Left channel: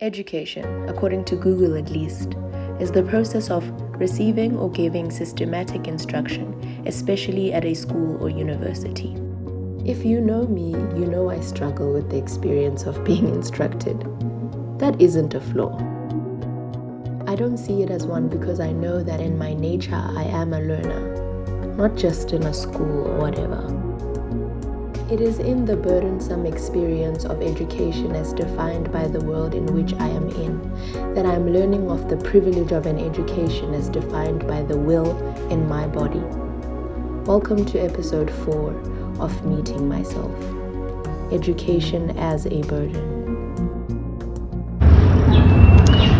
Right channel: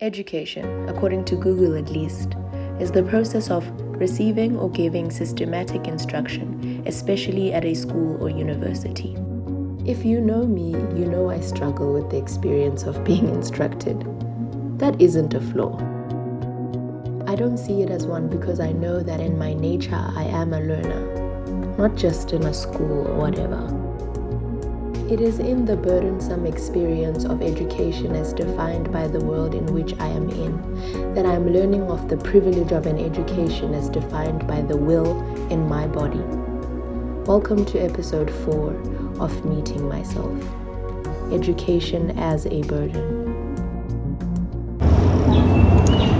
Education, according to Google at least, is the process of receiving or giving systematic instruction, especially at a school or university. If you know me, you know I struggle with the experience of being instructed. That isn't a flaw. I don't see it as one because I know that in my nature I am a learner, not just in a school or whatever. It is in the burdensome experience of education as defined by the world in which I am in that I am learning of the privilege of an education as defined by the will in my body. Welcome to episode 4 of Meeting Myself. Education as a burden.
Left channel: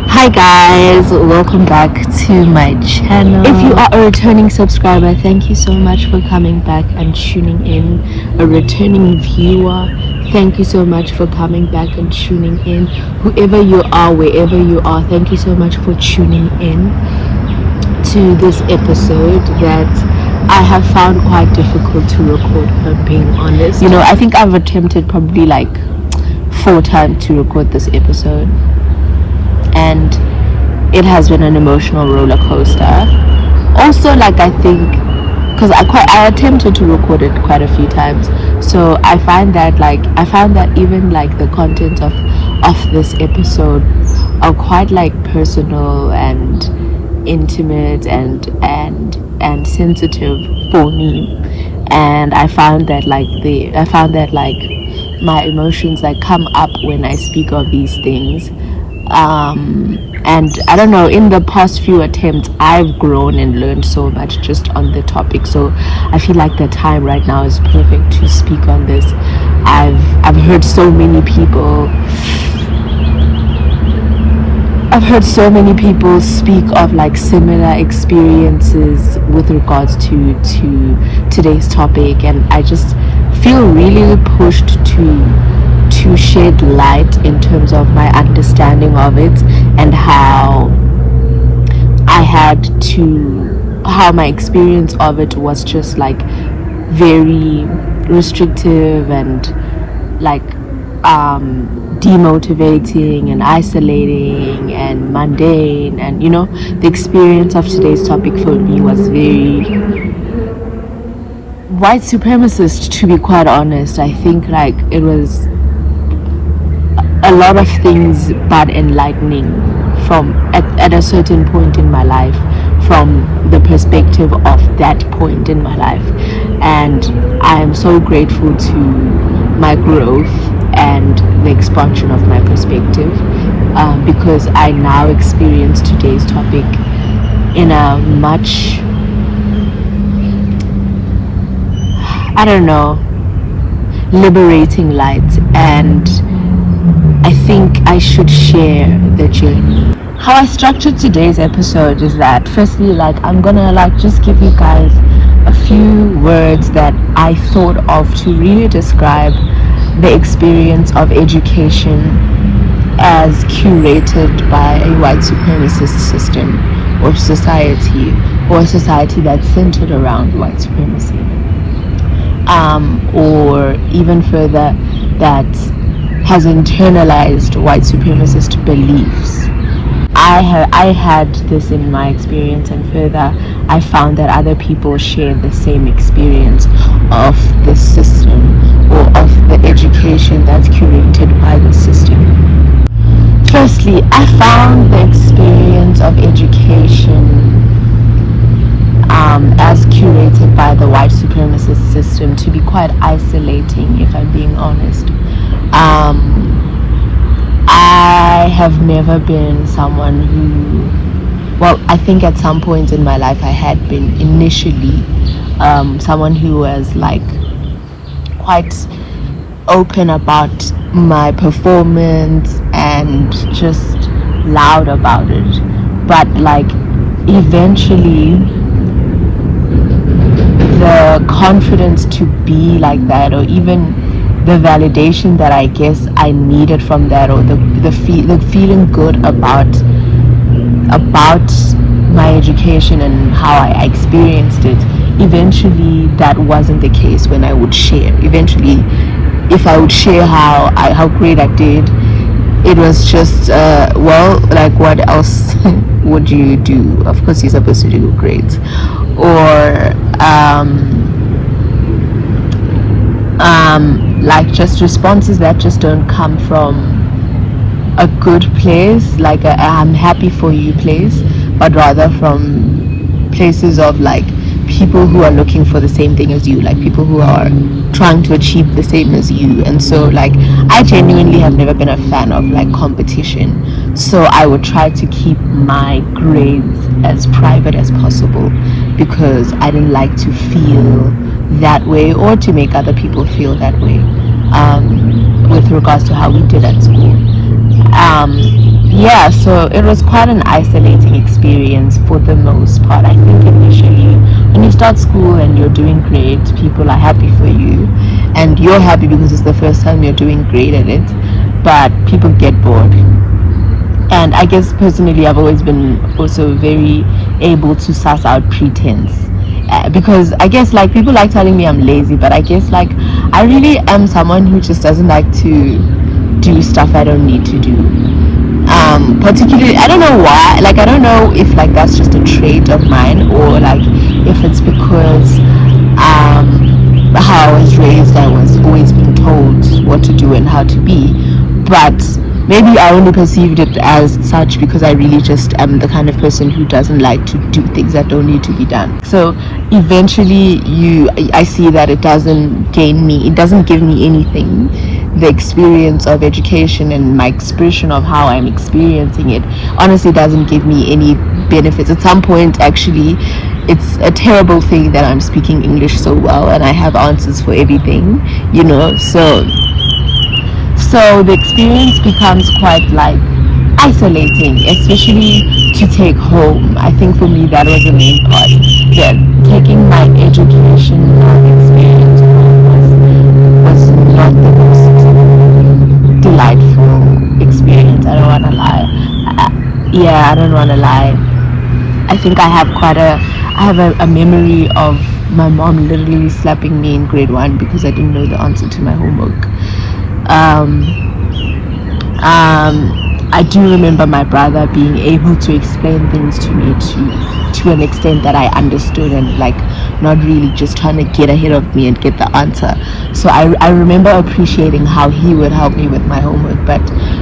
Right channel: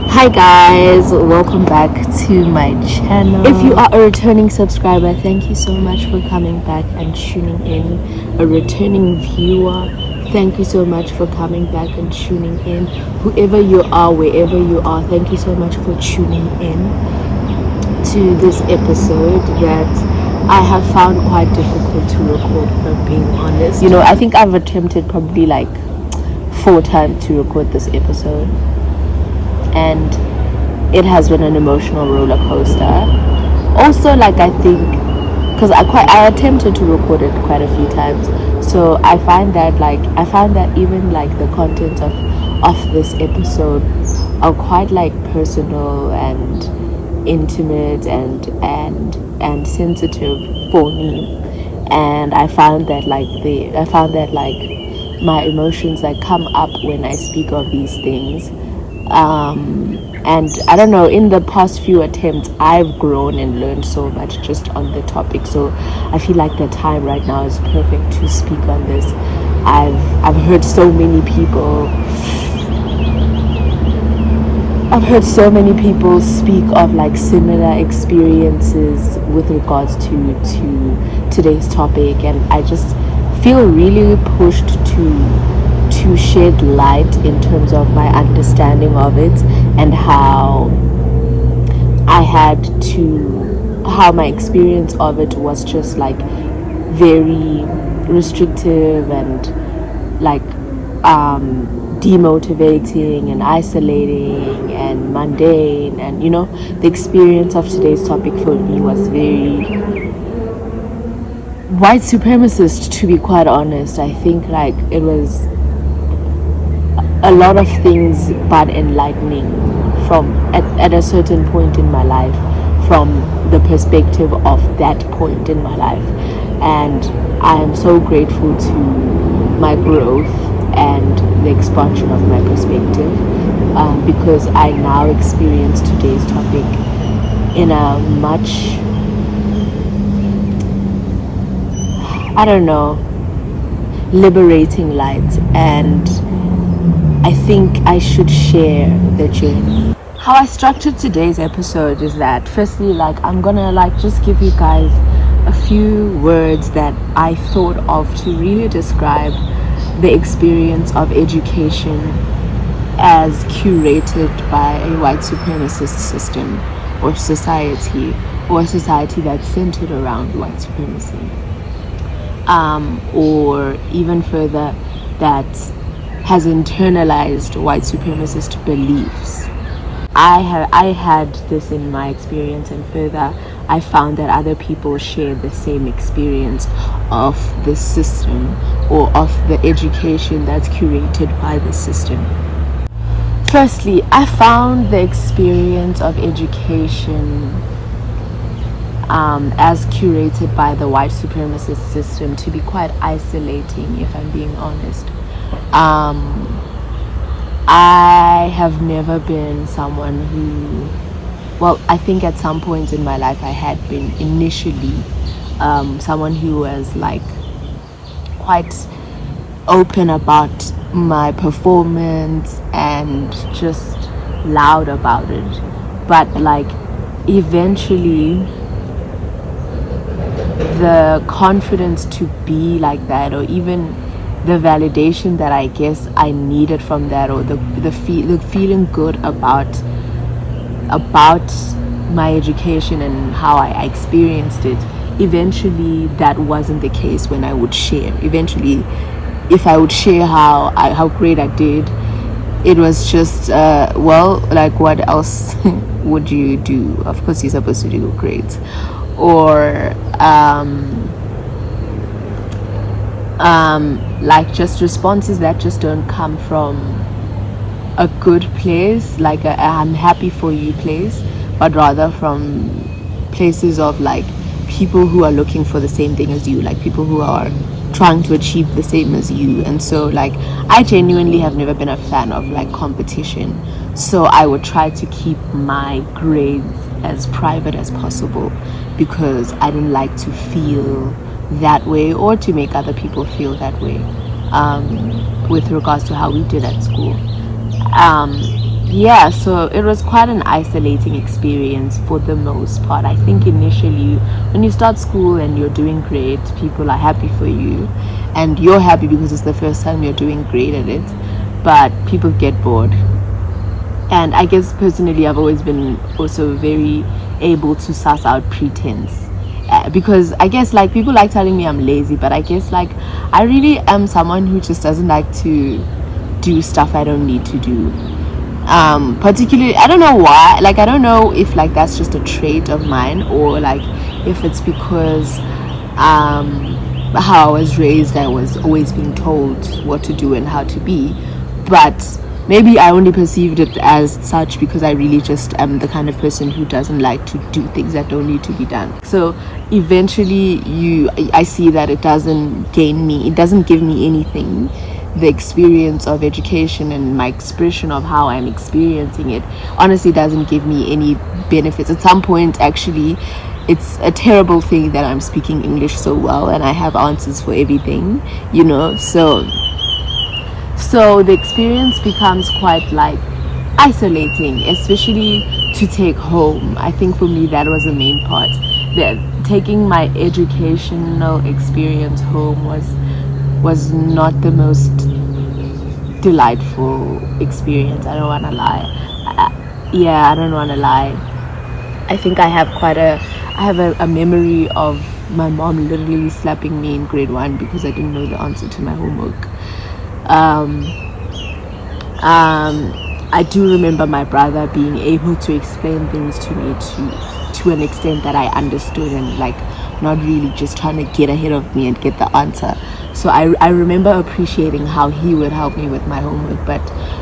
Hi guys, welcome back to my channel. If you are a returning subscriber, thank you so much for coming back and tuning in. A returning viewer, thank you so much for coming back and tuning in. Whoever you are, wherever you are, thank you so much for tuning in to this episode that I have found quite difficult to record, if I'm being honest. You know, I think I've attempted probably like 4 times to record this episode, and it has been an emotional roller coaster. Also, like, I think because I attempted to record it quite a few times, so I found that even like the content of this episode are quite like personal and intimate and sensitive for me, and I found that my emotions like come up when I speak of these things. And I don't know, in the past few attempts I've grown and learned so much just on the topic, so I feel like the time right now is perfect to speak on this. I've heard so many people speak of like similar experiences with regards to today's topic, and I just feel really pushed to shed light in terms of my understanding of it and how my experience of it was just like very restrictive and like demotivating and isolating and mundane, and you know, the experience of today's topic for me was very white supremacist, to be quite honest. I think like it was a lot of things but enlightening from at a certain point in my life, from the perspective of that point in my life, and I am so grateful to my growth and the expansion of my perspective, because I now experience today's topic in a much, I don't know, liberating light, and I think I should share the journey. How I structured today's episode is that firstly, like, I'm gonna like just give you guys a few words that I thought of to really describe the experience of education as curated by a white supremacist system or society, or a society that's centered around white supremacy, or even further, that has internalized white supremacist beliefs. I had this in my experience, and further I found that other people share the same experience of the system or of the education that's curated by the system. Firstly, I found the experience of education as curated by the white supremacist system to be quite isolating, if I'm being honest. I have never been someone who, well, I think at some point in my life I had been initially someone who was like quite open about my performance and just loud about it, but like eventually the confidence to be like that, or even the validation that I guess I needed from that, or the feeling good about my education and how I experienced it, eventually that wasn't the case when I would share. Eventually, if I would share how great I did, it was just well, like, what else would you do? Of course you're supposed to do great. Or like just responses that just don't come from a good place, like a I'm happy for you place, but rather from places of like people who are looking for the same thing as you, like people who are trying to achieve the same as you. And so like I genuinely have never been a fan of like competition, so I would try to keep my grades as private as possible because I didn't like to feel that way or to make other people feel that way, with regards to how we did at school. Yeah, so it was quite an isolating experience for the most part. I think initially, when you start school and you're doing great, people are happy for you, and you're happy because it's the first time you're doing great at it, but people get bored. And I guess personally, I've always been also very able to suss out pretense. Because I guess like people like telling me I'm lazy, but I guess like I really am someone who just doesn't like to do stuff I don't need to do. Particularly, I don't know why, like I don't know if like that's just a trait of mine, or like if it's because how I was raised, I was always being told what to do and how to be. But maybe I only perceived it as such because I really just am the kind of person who doesn't like to do things that don't need to be done. So eventually I see that it doesn't give me anything. The experience of education and my expression of how I'm experiencing it honestly doesn't give me any benefits. At some point, actually, it's a terrible thing that I'm speaking English so well and I have answers for everything, so the experience becomes quite like isolating, especially to take home. I think for me that was the main part. That taking my educational experience home was not the most delightful experience. I don't wanna lie. I don't wanna lie. I think I have a memory of my mom literally slapping me in grade 1 because I didn't know the answer to my homework. um, I do remember my brother being able to explain things to me to an extent that I understood, and like not really just trying to get ahead of me and get the answer. So I remember appreciating how he would help me with my homework, but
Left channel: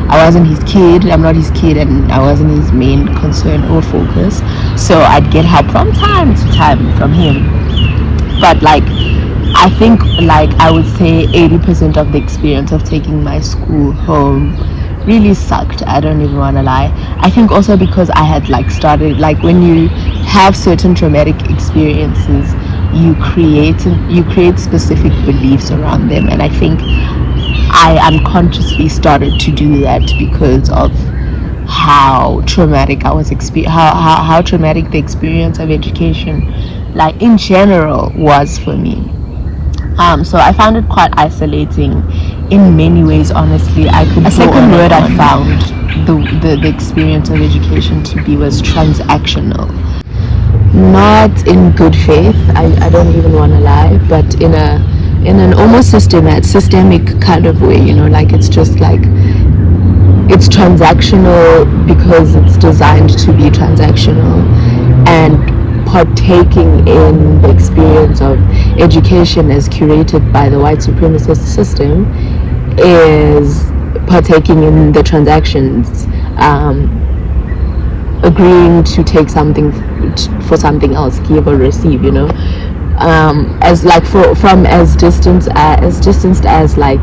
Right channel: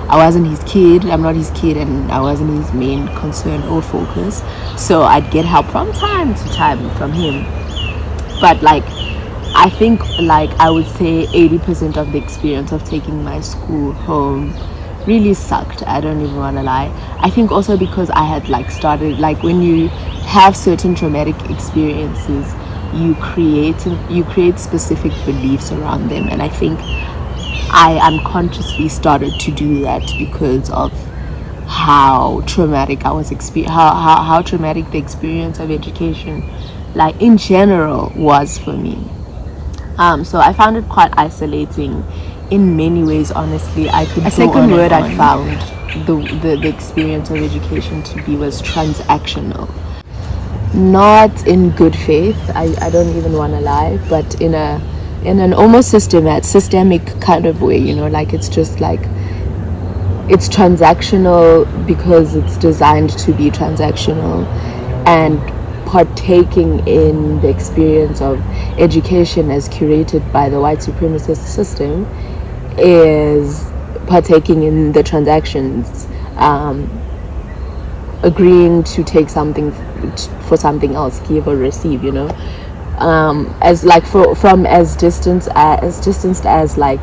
I wasn't his kid. I'm not his kid, and I wasn't his main concern or focus. So I'd get help from time to time from him. But like I think like I would say 80% of the experience of taking my school home really sucked. I don't even want to lie. I think also because I had like started, like when you have certain traumatic experiences, you create specific beliefs around them, and I think I unconsciously started to do that because of how traumatic I was how traumatic the experience of education like in general was for me. So I found it quite isolating in many ways, honestly. I could. A second word I found the experience of education to be was transactional. Not in good faith, I don't even want to lie, but in an almost systemic kind of way, like it's just like it's transactional because it's designed to be transactional, and partaking in the experience of education as curated by the white supremacist system is partaking in the transactions, agreeing to take something for something else, give or receive, as like from as distanced as like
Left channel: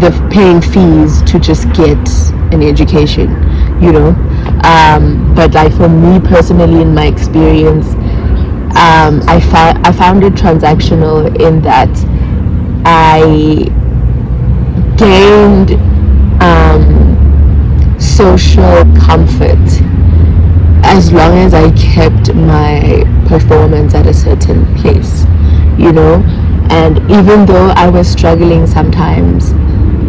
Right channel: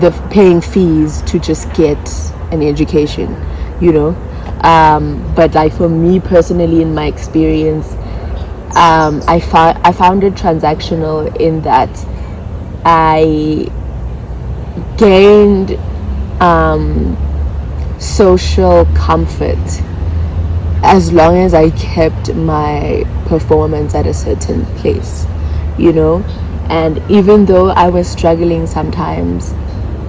the paying fees to just get an education, but like for me personally, in my experience, I found it transactional in that I gained social comfort as long as I kept my performance at a certain place, and even though I was struggling sometimes,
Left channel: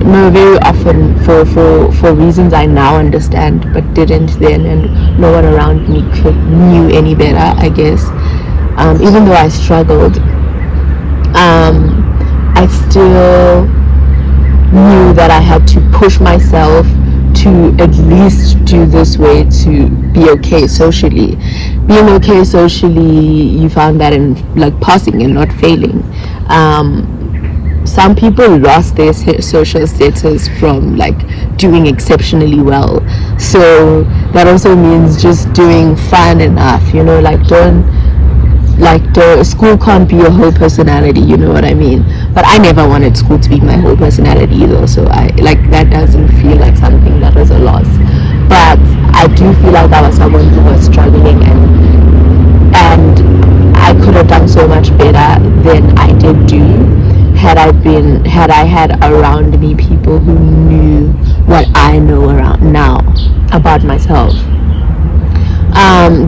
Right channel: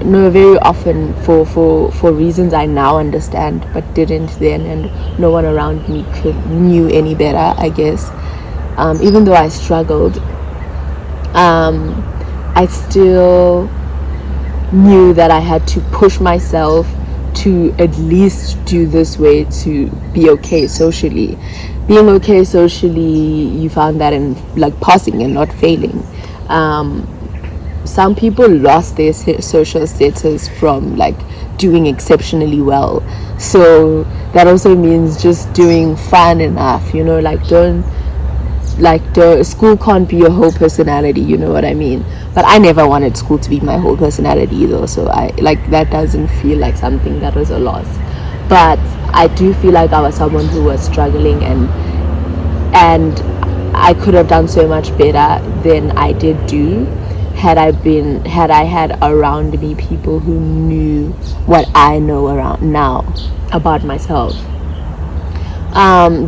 very often for reasons I now understand but didn't then, and no one around me knew any better, I guess. Even though I struggled, I still knew that I had to push myself to at least do this way to be okay socially. Being okay socially, you found that in like passing and not failing. Some people lost their social status from like doing exceptionally well, so that also means just doing fine enough, you know, like don't like the school can't be your whole personality, you know what I mean? But I never wanted school to be my whole personality though, so I like that doesn't feel like something that was a loss. But I do feel like I was someone who was struggling, and I could have done so much better than I did do had I had around me people who knew what I know around now about myself.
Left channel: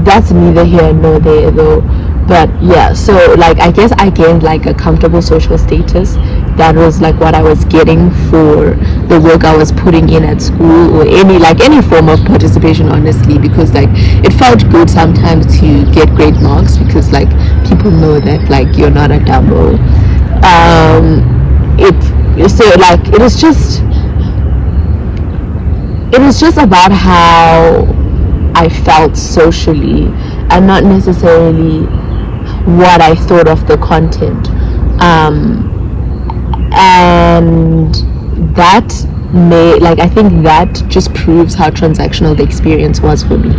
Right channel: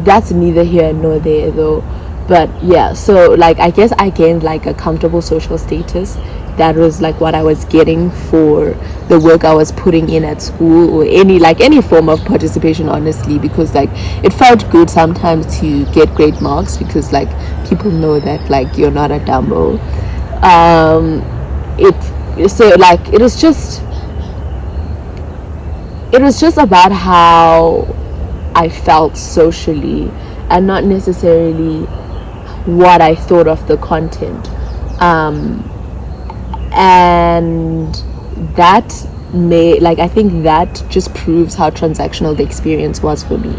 That's neither here nor there though. But yeah, so like I guess I gained like a comfortable social status. That was like what I was getting for the work I was putting in at school, or any form of participation, honestly, because like it felt good sometimes to get great marks, because like people know that like you're not a dumbo. It so like it was just about how I felt socially, and not necessarily what I thought of the content. And that I think that just proves how transactional the experience was for me.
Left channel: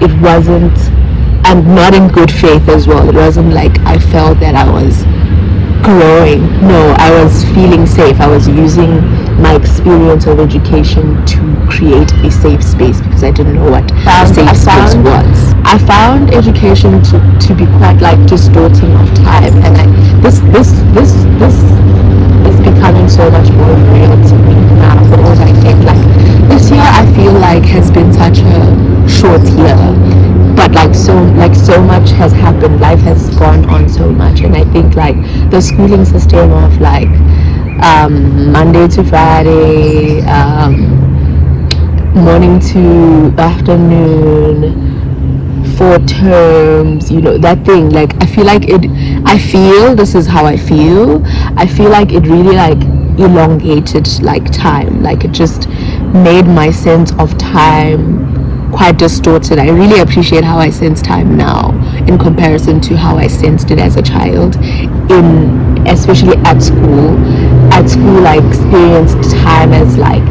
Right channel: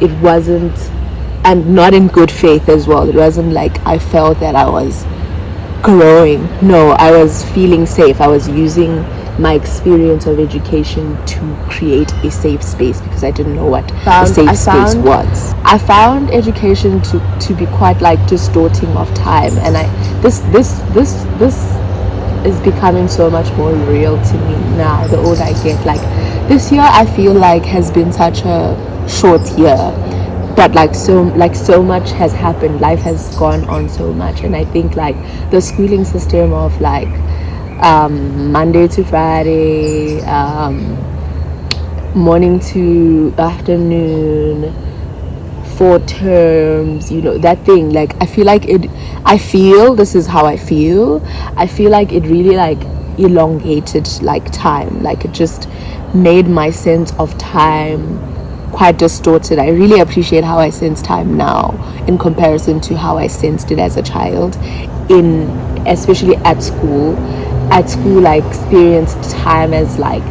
It wasn't, and not in good faith as well. It wasn't like I felt that I was growing. No, I was feeling safe. I was using my experience of education to create a safe space, because I didn't know what a safe space was. I found education to be quite like distorting of time, and this is becoming so much more real to me now the older I get. Like this year I feel like has been such a short year, but like so much has happened. Life has gone on so much, and I think like the schooling system of like Monday to Friday, morning to afternoon, 4 terms, you know, that thing, like I feel this is how I feel like it really like elongated like time. Like it just made my sense of time quite distorted. I really appreciate how I sense time now in comparison to how I sensed it as a child, especially at school. I experienced time as like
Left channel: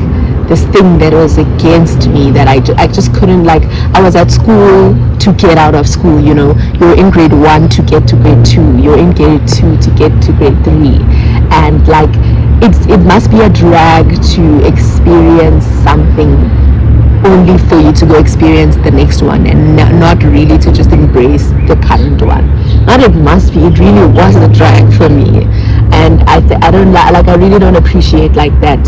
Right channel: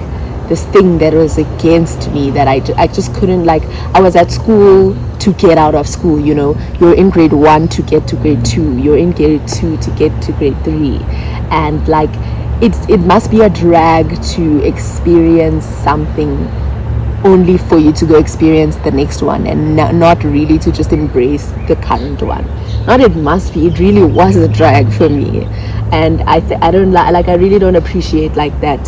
this thing that was against me, that I just couldn't, like, I was at school to get out of school, you know. You're in grade 1 to get to grade 2, you're in grade 2 to get to grade 3, and like it must be a drag to experience something only for you to go experience the next one, and not really to just embrace the current one. Not it must be, it really was a drag for me, and I don't like, I really don't appreciate like that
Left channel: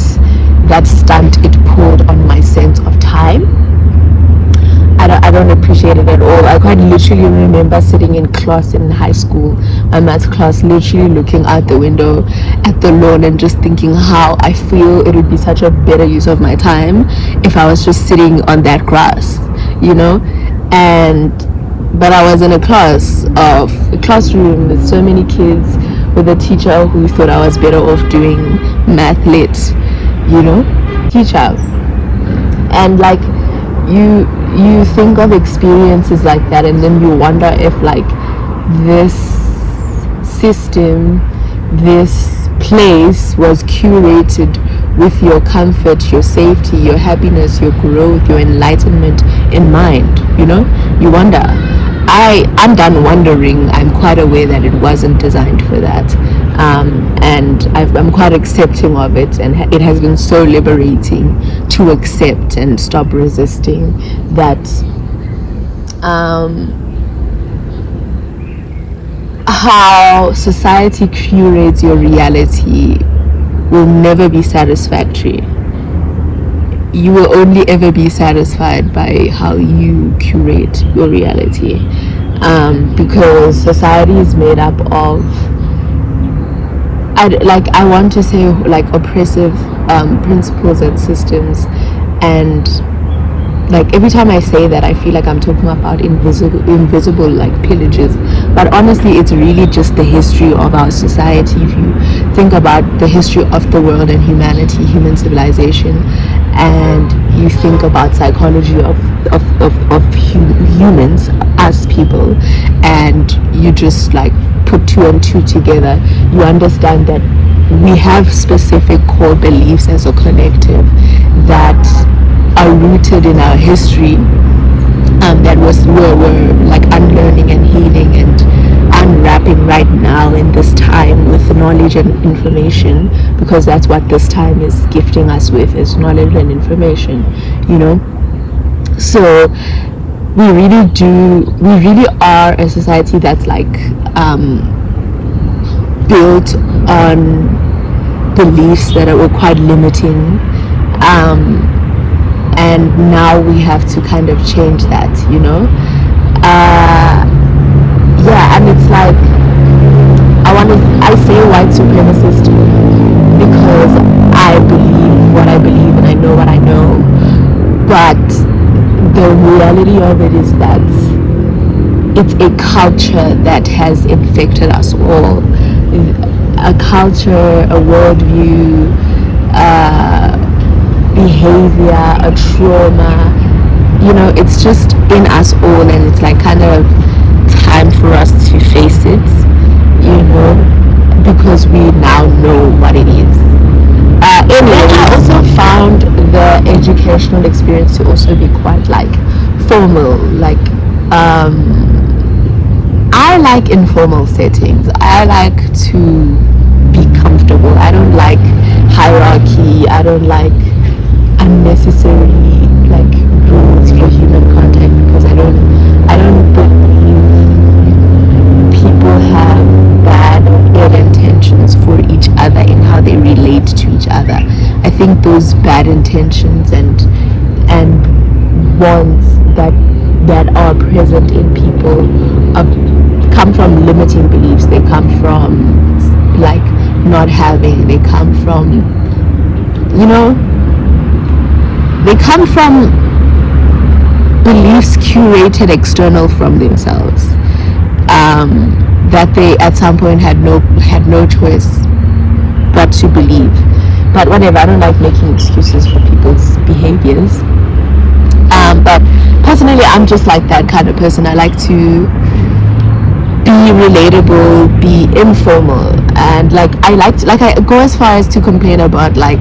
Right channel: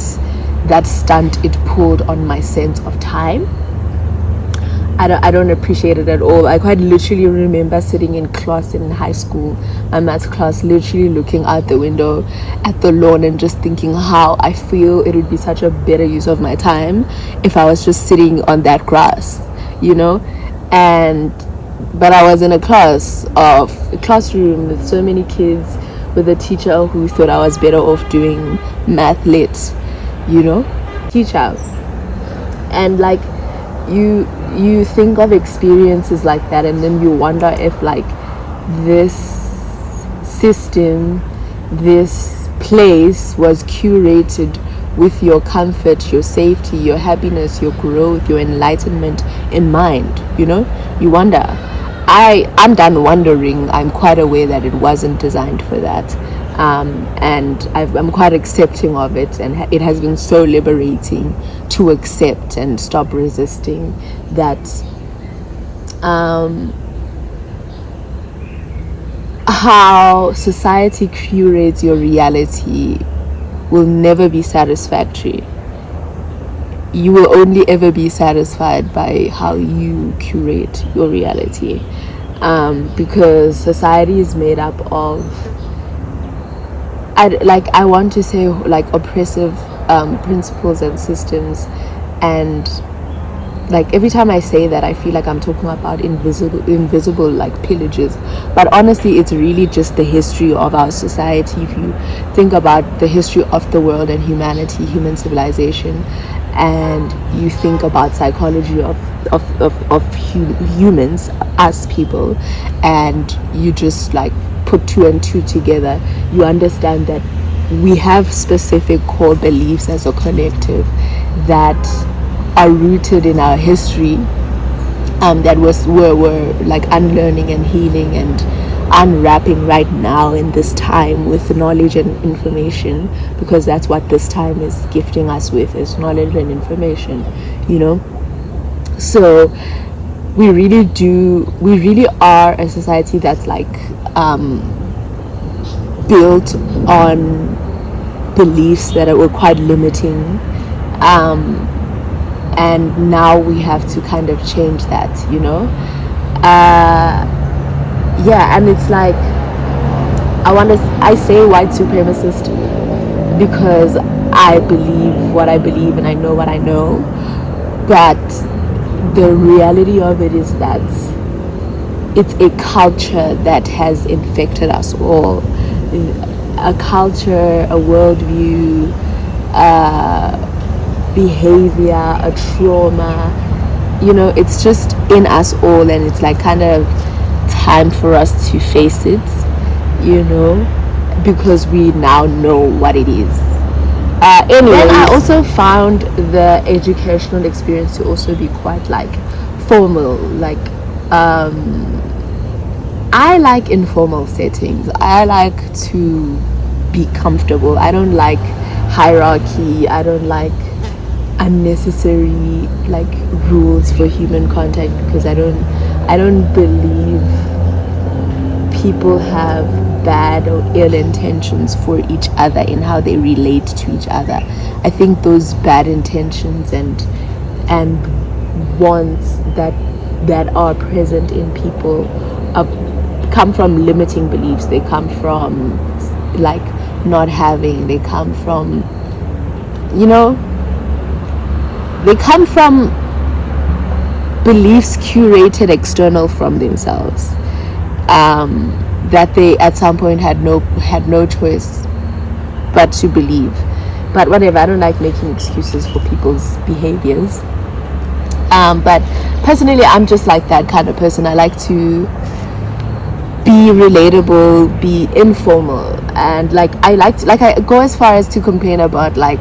stunt it pulled on my sense of time. I don't appreciate it at all. I quite literally remember sitting in class in high school, my maths class, literally looking out the window at the lawn and just thinking how I feel it would be such a better use of my time if I was just sitting on that grass, you know. But I was in a classroom with so many kids, with a teacher who thought I was better off doing math lit, you know, teacher. And like you think of experiences like that, and then you wonder if like this system, this place was curated with your comfort, your safety, your happiness, your growth, your enlightenment in mind, you know. You wonder. I'm done wondering. I'm quite aware that it wasn't designed for that, and I'm quite accepting of it, and it has been so liberating to accept and stop resisting that. How society curates your reality will never be satisfactory. You will only ever be satisfied by how you curate your reality, because society is made up of, I want to say, like oppressive principles and systems, and like every time I say that, I feel like I'm talking about invisible like pillages, but honestly it's really just the history of our society. If you think about the history of the world and humanity, human civilization, and you think about psychology of humans, us people, and you just like put two and two together, you understand that we have specific core beliefs as a collective that are rooted in our history, that we're like unlearning and healing and unwrapping right now in this time with knowledge and information, because that's what this time is gifting us with, is knowledge and information, you know. So we really are a society that's like built on beliefs that were quite limiting, and now we have to kind of change that, you know. Yeah, and it's like I say white supremacist because I believe what I believe and I know what I know, but the reality of it is that it's a culture that has infected us all. A culture, a worldview, behavior, a trauma, you know, it's just in us all, and it's like kind of time for us to face it, you know, because we now know what it is. Then I also found the educational experience to also be quite like formal, like I like informal settings. I like to be comfortable. I don't like hierarchy. I don't like unnecessary like rules for human contact, because I don't believe people have bad or ill intentions for each other in how they relate to each other. I think those bad intentions and wants that are present in people come from limiting beliefs. They come from like not having. They come from, you know, they come from beliefs curated external from themselves, that they at some point had no choice but to believe. But whatever, I don't like making excuses for people's behaviors. But personally, I'm just like that kind of person. I like to be relatable, be informal, and like I go as far as to complain about like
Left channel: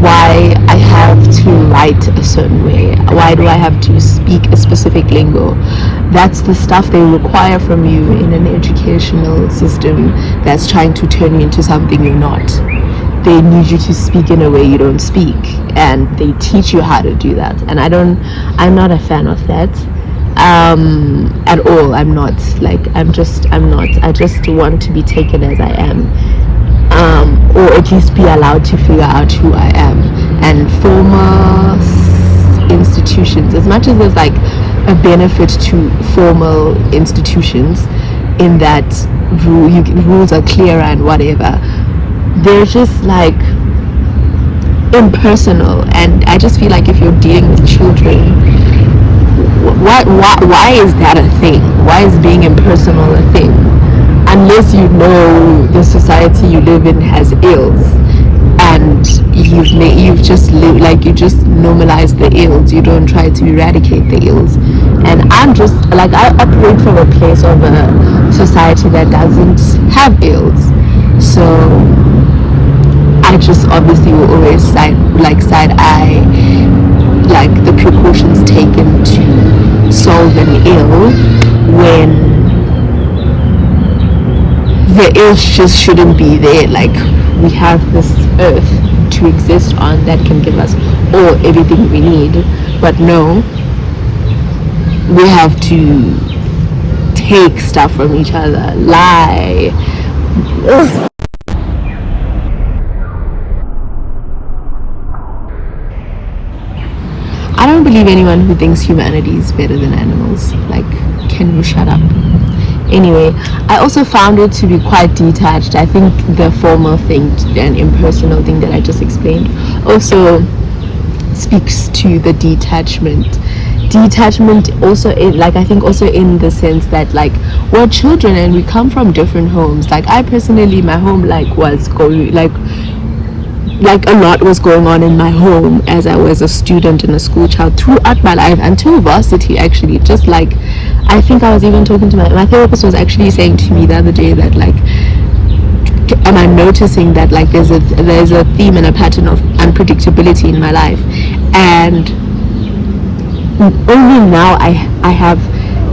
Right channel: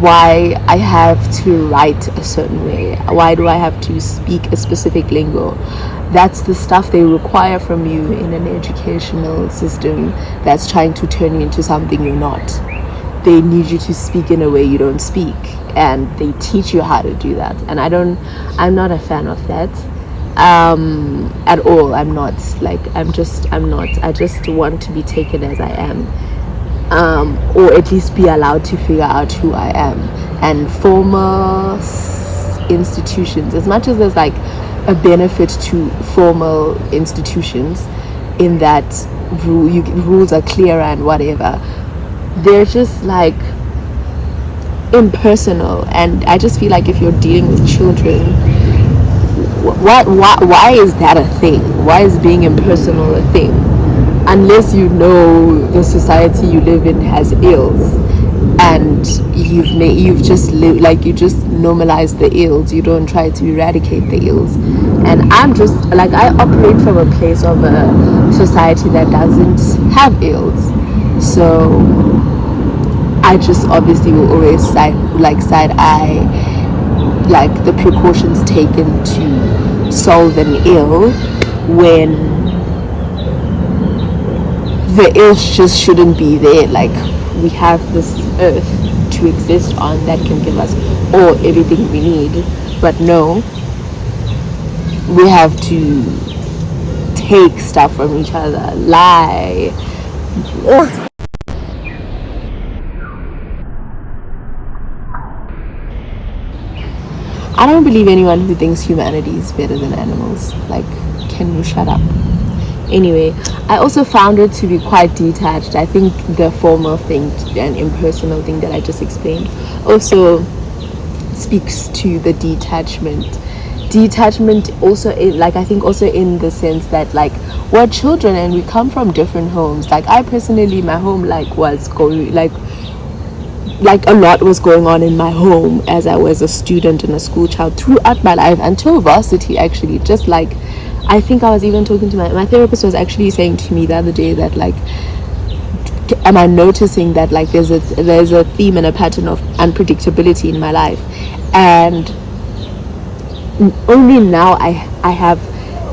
why I have to write a certain way. Why do I have to speak a specific lingo? That's the stuff they require from you in an educational system that's trying to turn you into something you're not. They need you to speak in a way you don't speak, and they teach you how to do that. And I'm not a fan of that at all. I'm not. I just want to be taken as I am, or at least be allowed to figure out who I am. And formal institutions, as much as there's like a benefit to formal institutions in that rules are clearer and whatever, they're just like impersonal. And I just feel like if you're dealing with children, why is that a thing? Why is being impersonal a thing? Unless you know the society you live in has ills, and you've just you just normalize the ills. You don't try to eradicate the ills. And I'm just like, I operate from a place of a society that doesn't have ills, so I just obviously will always side eye like the precautions taken to solve an ill, when the ill just shouldn't be there. Like, we have this earth to exist on that can give us everything we need, but no, we have to take stuff from each other, lie. Ugh. I don't believe anyone who thinks humanity is better than animals. Like, can you shut up? Anyway, I also found it to be quite detached. I think the formal thing and impersonal thing that I just explained also speaks to the detachment also in, like, I think also in the sense that, like, we're children and we come from different homes. Like, I personally, my home, like, was going, like a lot was going on in my home as I was a student and a school child throughout my life until varsity, actually. Just like, I think I was even talking to my therapist was actually saying to me the other day that, like, am I noticing that, like, there's a theme and a pattern of unpredictability in my life, and only now I have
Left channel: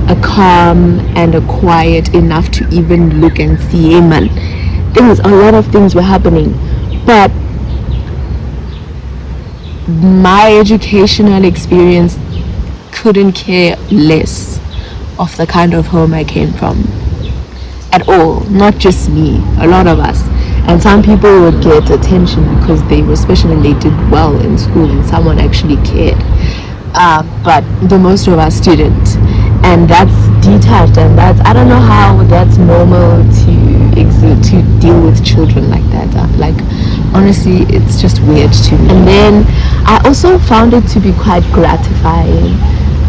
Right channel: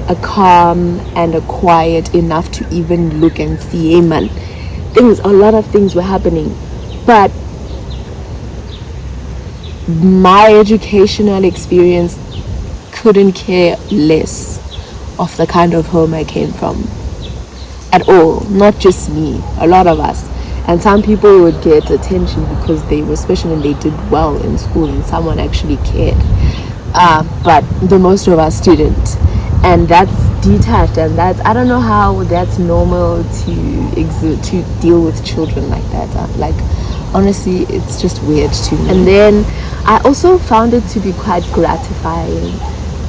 a calm and a quiet enough to even look and see, hey man, a lot of things were happening, but my educational experience couldn't care less of the kind of home I came from at all. Not just me, a lot of us. And some people would get attention because they were special and they did well in school and someone actually cared, but the most of us didn't, and that's detached, and that's, I don't know how that's normal to deal with children like that. Like, honestly, it's just weird to me. And then I also found it to be quite gratifying.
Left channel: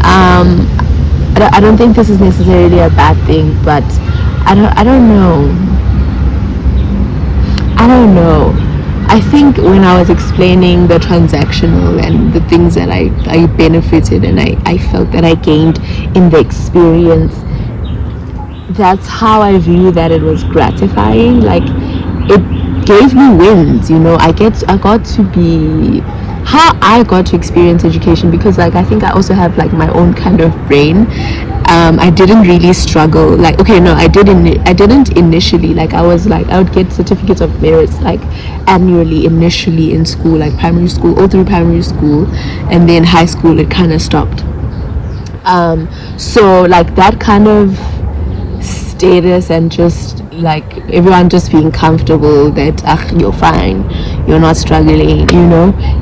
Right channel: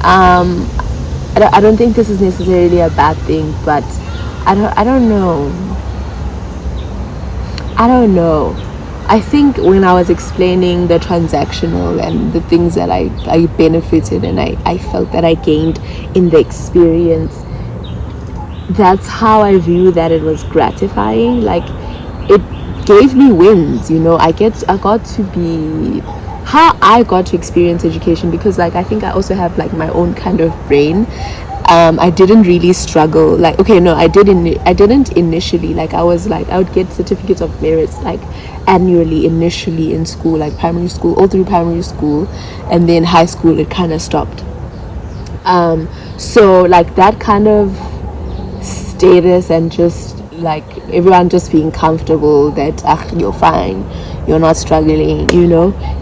I don't think this is necessarily a bad thing, but I don't know. I think when I was explaining the transactional and the things that I benefited and I felt that I gained in the experience, that's how I view that it was gratifying. Like, it gave me wins, I got to be how I got to experience education, because, like, I think I also have, like, my own kind of brain. I didn't really struggle, like, okay, no, I didn't initially. Like, I would get certificates of merits, like, annually initially in school, like primary school, all through primary school, and then high school it kind of stopped. So, like, that kind of status and just, like, everyone just being comfortable that you're fine, you're not struggling,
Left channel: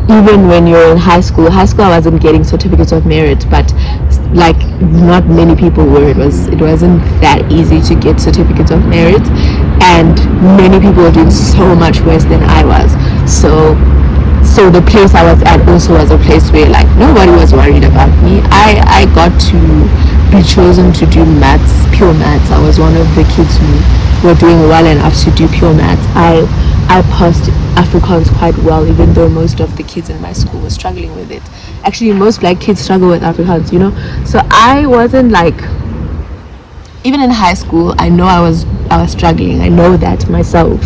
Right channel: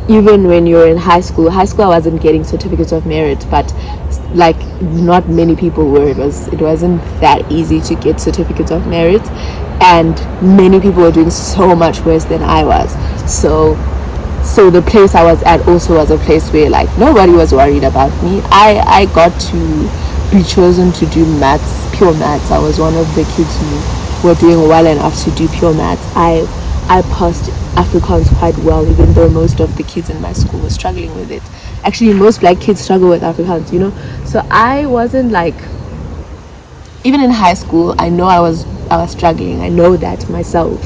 even when you're in high school I wasn't getting certificates of merit, but, like, not many people were. It wasn't that easy to get certificates of merit, and many people were doing so much worse than I was. So the place I was at also was a place where, like, nobody was worried about me. I got to be chosen to do maths, pure maths. I was one of the kids who were doing well enough to do pure maths. I passed Afrikaans quite well, even though most of the kids in my school were struggling with it. Actually, most black kids struggle with Afrikaans, So I wasn't, like, even in high school, I know I was struggling. I know that myself.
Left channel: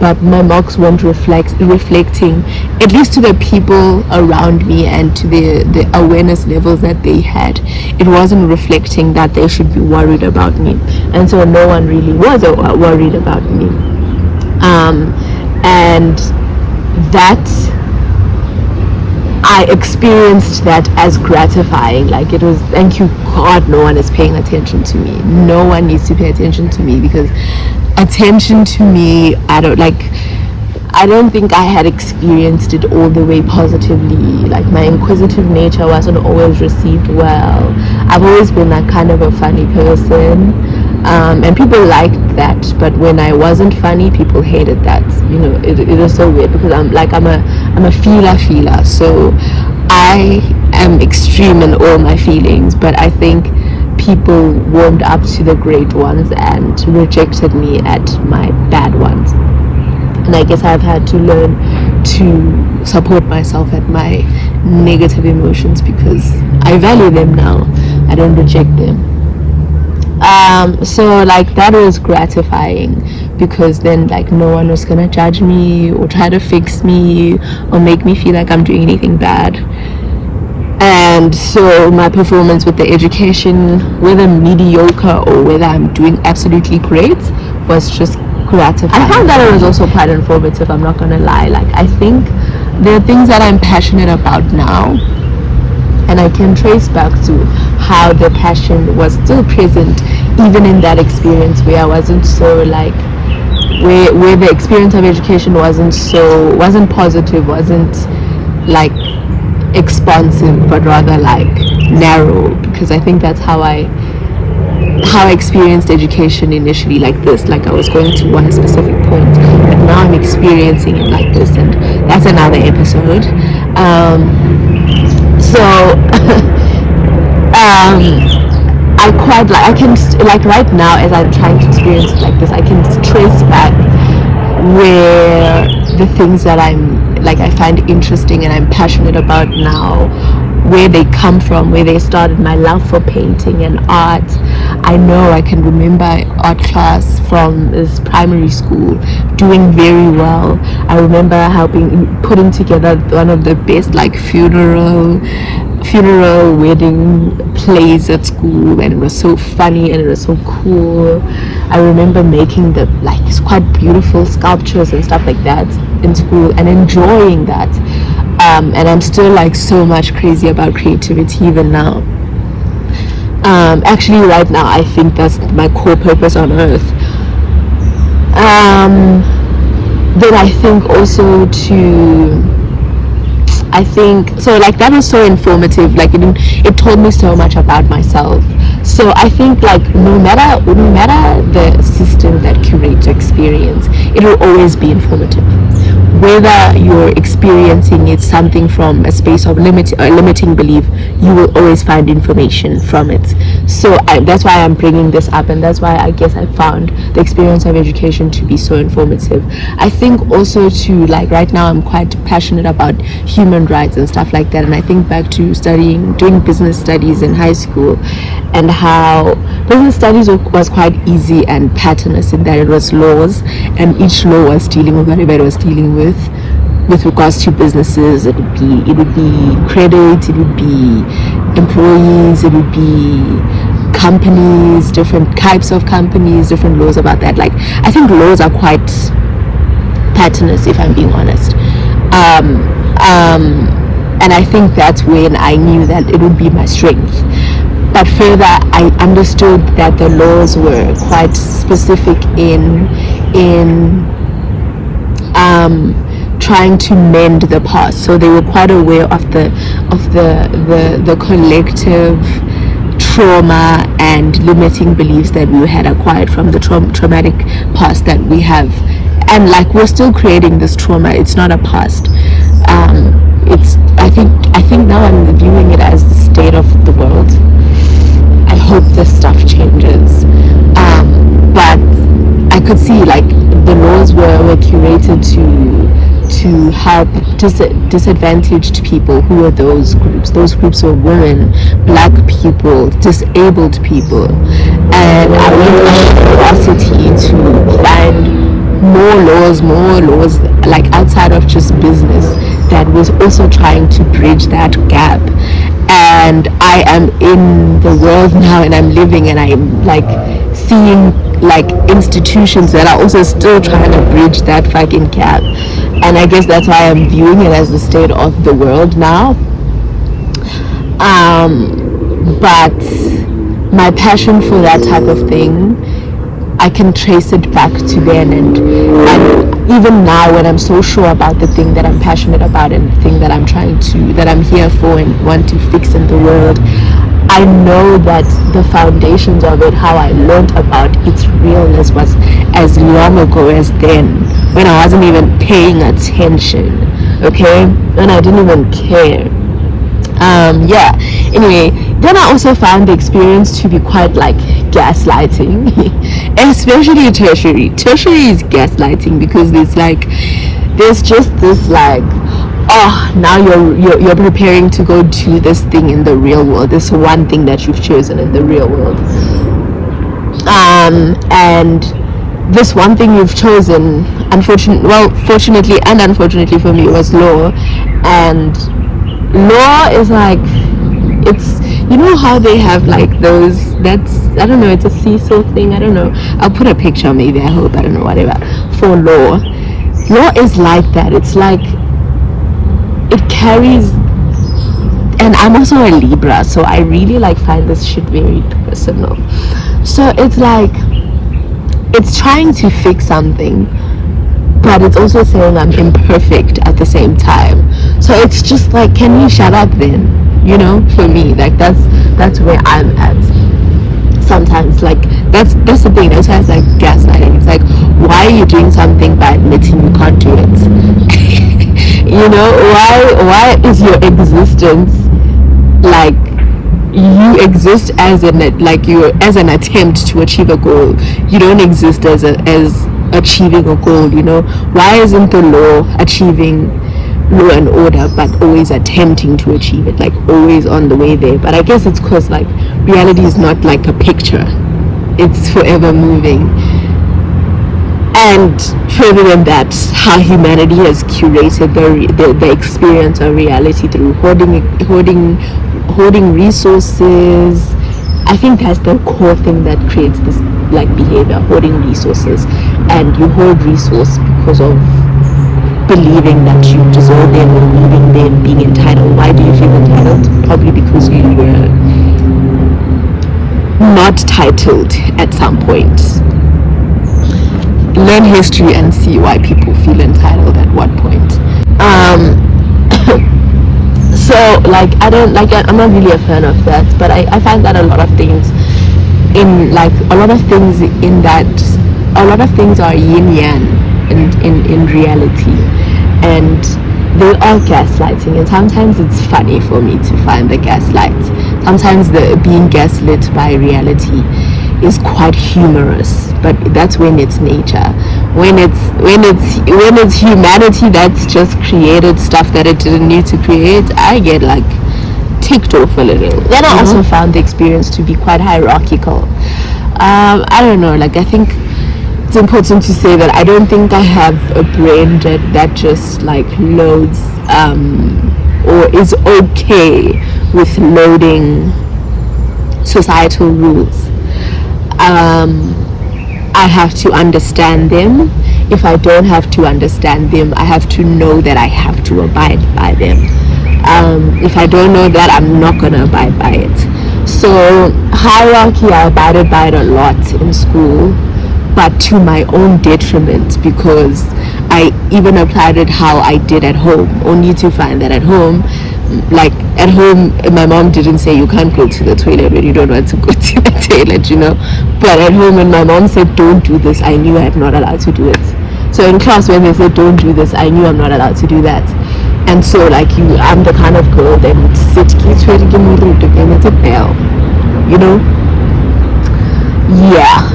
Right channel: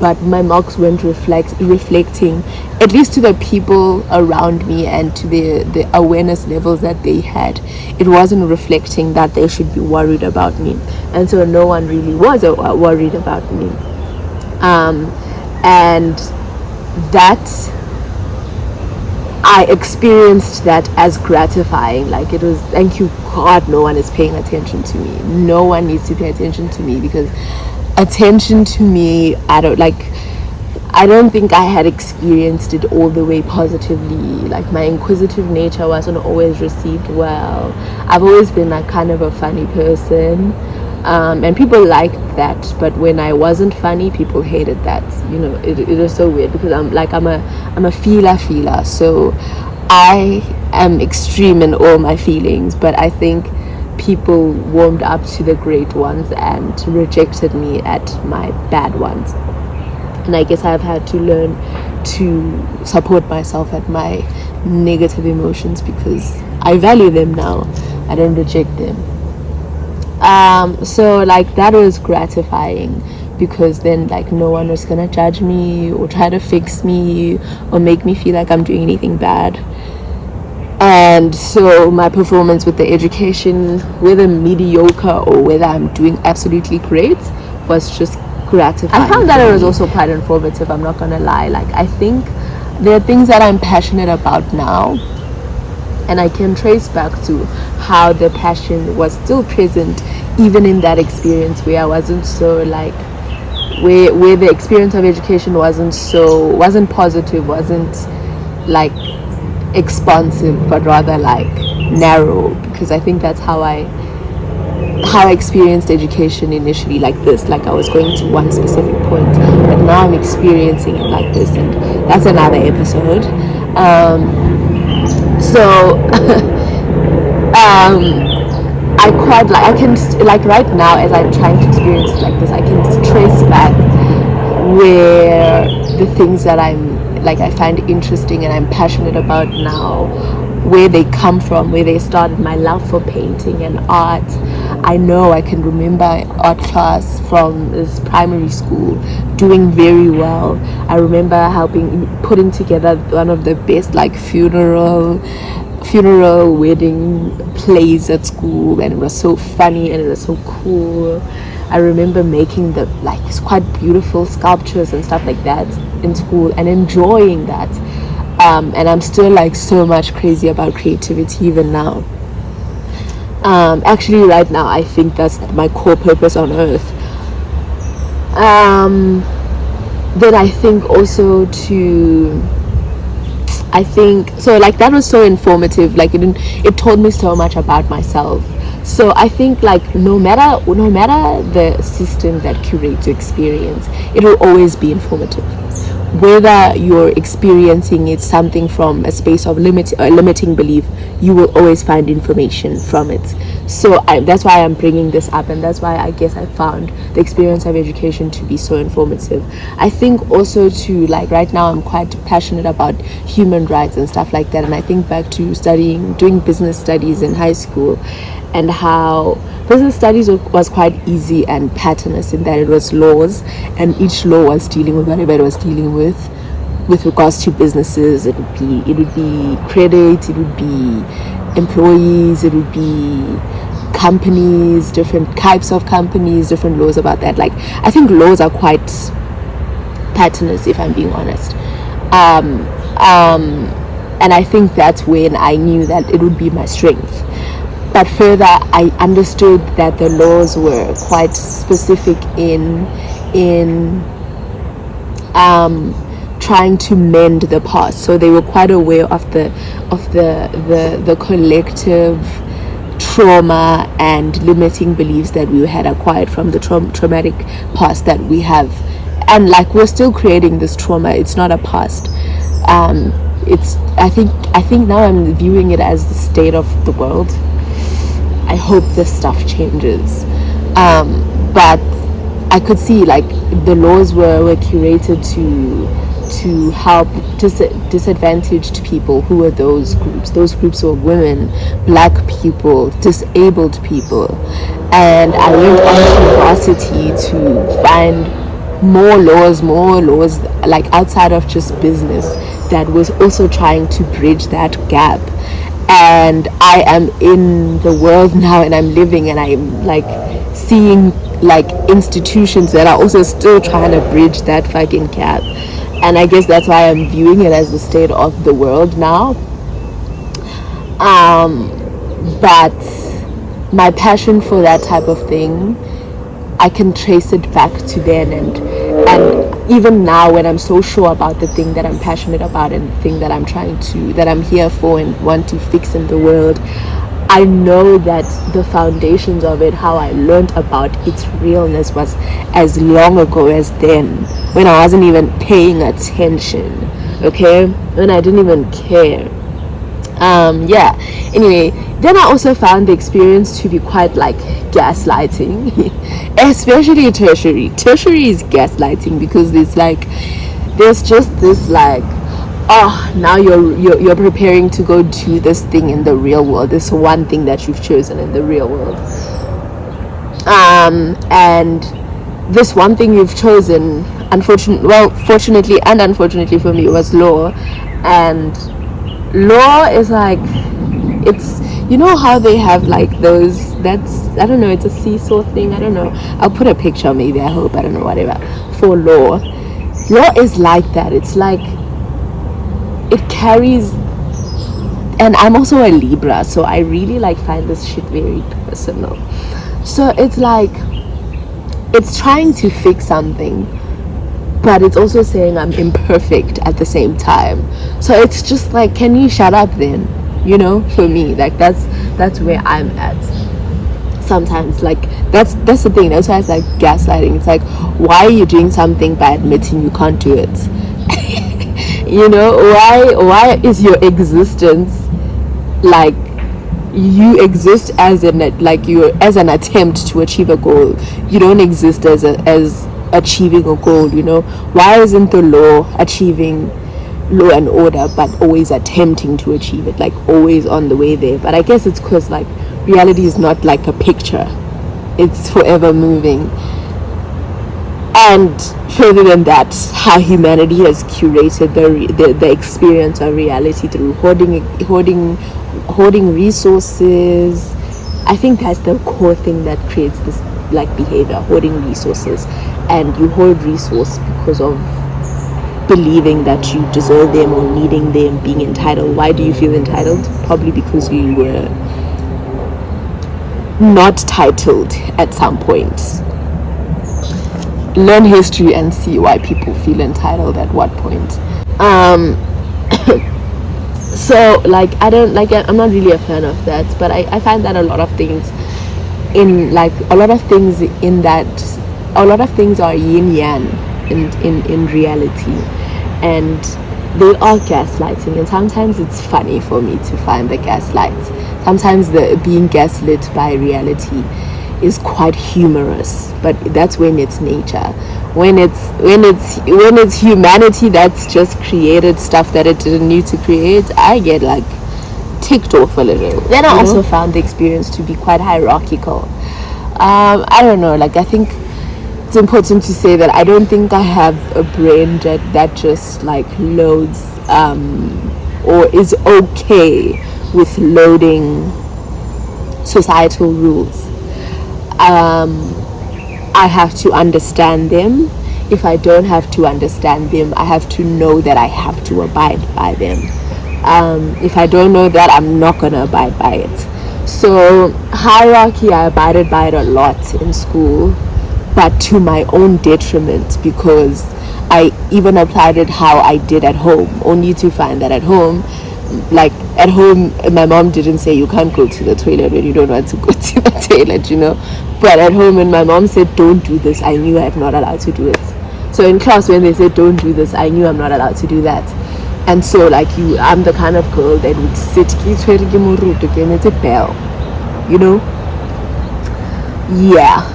But my marks weren't reflecting, at least to the people around me and to the awareness levels that they had. It wasn't reflecting that they should be worried about me. And so no one really was worried about me. And that, I experienced that as gratifying. Like, it was, thank you God, no one is paying attention to me. No one needs to pay attention to me, because attention to me, I don't think I had experienced it all the way positively. Like, my inquisitive nature wasn't always received well. I've always been that kind of a funny person, and people liked that, but when I wasn't funny, people hated that. It is so weird, because I'm a feeler, so I am extreme in all my feelings, but I think people warmed up to the great ones and rejected me at my bad ones. And I guess I've had to learn to support myself at my negative emotions, because I value them now. I don't reject them. So, like, that was gratifying, because then, like, no one was gonna judge me or try to fix me or make me feel like I'm doing anything bad. And so my performance with the education, whether mediocre or whether I'm doing absolutely great, was just gratifying. I found that it was also quite informative, I'm not gonna lie. Like, I think there are things that I'm passionate about now, and I can trace back to how the passion was still present even in that experience, where I wasn't so, like, where the experience of education wasn't positive, wasn't, like, expansive, but rather, like, narrow, because I think that's how I experienced education initially, like this. Like, I was going to one specific point, but now I'm experiencing it like this, and that's another episode. So I quite like, I can like right now as I'm trying to experience it like this, I can trace back where the things that I find interesting and I'm passionate about now, where they come from, where they started. My love for painting and art, I know I can remember art class from this primary school doing very well. I remember putting together one of the best like funeral wedding plays at school, and it was so funny and it was so cool. I remember making the like quite beautiful sculptures and stuff like that in school and enjoying that. And I'm still like so much crazy about creativity even now. Actually right now I think that's my core purpose on earth. Then I think also so like that was so informative, like it told me so much about myself. So I think like no matter the system that curates your experience, it will always be informative, whether you're experiencing it something from a space of limiting belief. You will always find information from it. So that's why I'm bringing this up, and that's why I guess I found the experience of education to be so informative. I think also to like right now I'm quite passionate about human rights and stuff like that, and I think back to doing business studies in high school, and how business studies was quite easy and patternless in that it was laws, and each law was dealing with whatever it was dealing with regards to businesses. It would be credit, it would be employees, it would be companies, different types of companies, different laws about that. Like I think laws are quite patternless, if I'm being honest. And I think that's when I knew that it would be my strength. But further, I understood that the laws were quite specific in trying to mend the past. So they were quite aware of the collective trauma and limiting beliefs that we had acquired from the traumatic past that we have, and like we're still creating this trauma. It's not a past. It's I think now I'm viewing it as the state of the world. I hope this stuff changes, but I could see like the laws were curated to help disadvantaged people. Who were those groups? Those groups were women, black people, disabled people. And I went off curiosity to find more laws like outside of just business that was also trying to bridge that gap. And I am in the world now, and I'm living, and I'm like seeing like institutions that are also still trying to bridge that fucking gap. And I guess that's why I'm viewing it as the state of the world now. But my passion for that type of thing, I can trace it back to then, and even now when I'm so sure about the thing that I'm passionate about and the thing that I'm here for and want to fix in the world, I know that the foundations of it, how I learned about its realness, was as long ago as then, when I wasn't even paying attention, okay, and I didn't even care. Anyway, then I also found the experience to be quite like gaslighting, especially tertiary is gaslighting, because there's just this like, oh, now you're preparing to go do this thing in the real world, this one thing that you've chosen in the real world, and this one thing you've chosen, fortunately and unfortunately for me, was law. And law is like, it's, you know how they have like those, that's, I don't know, it's a seesaw thing, I don't know, I'll put a picture maybe, I hope, I don't know, whatever, for law is like that. It's like it carries, and I'm also a Libra, so I really like find this shit very personal. So it's like, it's trying to fix something, but it's also saying I'm imperfect at the same time. So it's just like, can you shut up then? You know, for me, like that's where I'm at sometimes. Like that's the thing. That's why it's like gaslighting. It's like, why are you doing something by admitting you can't do it? You know, why is your existence like you exist as an attempt to achieve a goal. You don't exist as achieving a goal. Why isn't the law achieving law and order, but always attempting to achieve it, like always on the way there? But I guess it's because like reality is not like a picture, it's forever moving. And further than that, how humanity has curated the experience of reality through hoarding resources. I think that's the core thing that creates this like behavior, hoarding resources. And you hoard resource because of believing that you deserve them or needing them, being entitled. Why do you feel entitled? Probably because you were not titled at some point. Learn history and see why people feel entitled at what point. So like I'm not really a fan of that, but I find that a lot of things are yin yang in reality, and they are gaslighting, and sometimes it's funny for me to find the gaslight. Sometimes the being gaslit by reality is quite humorous, but that's when it's nature. When it's humanity that's just created stuff that it didn't need to create, I get like ticked off a little. Then I also found the experience to be quite hierarchical. I don't know, like I think it's important to say that I don't think I have a brain that just like loads or is okay with loading societal rules. I have to understand them. If I don't have to understand them, I have to know that I have to abide by them. If I don't know that, I'm not gonna abide by it. So hierarchy, I abided by it a lot in school, but to my own detriment, because I even applied it how I did at home, only to find that at home, my mom didn't say you can't go to the toilet when you don't want to go to the toilet, but at home when my mom said don't do this, I knew I'm not allowed to do it. So in class when they said don't do this, I knew I'm not allowed to do that. And so I'm the kind of girl that would sit it's a bell, yeah.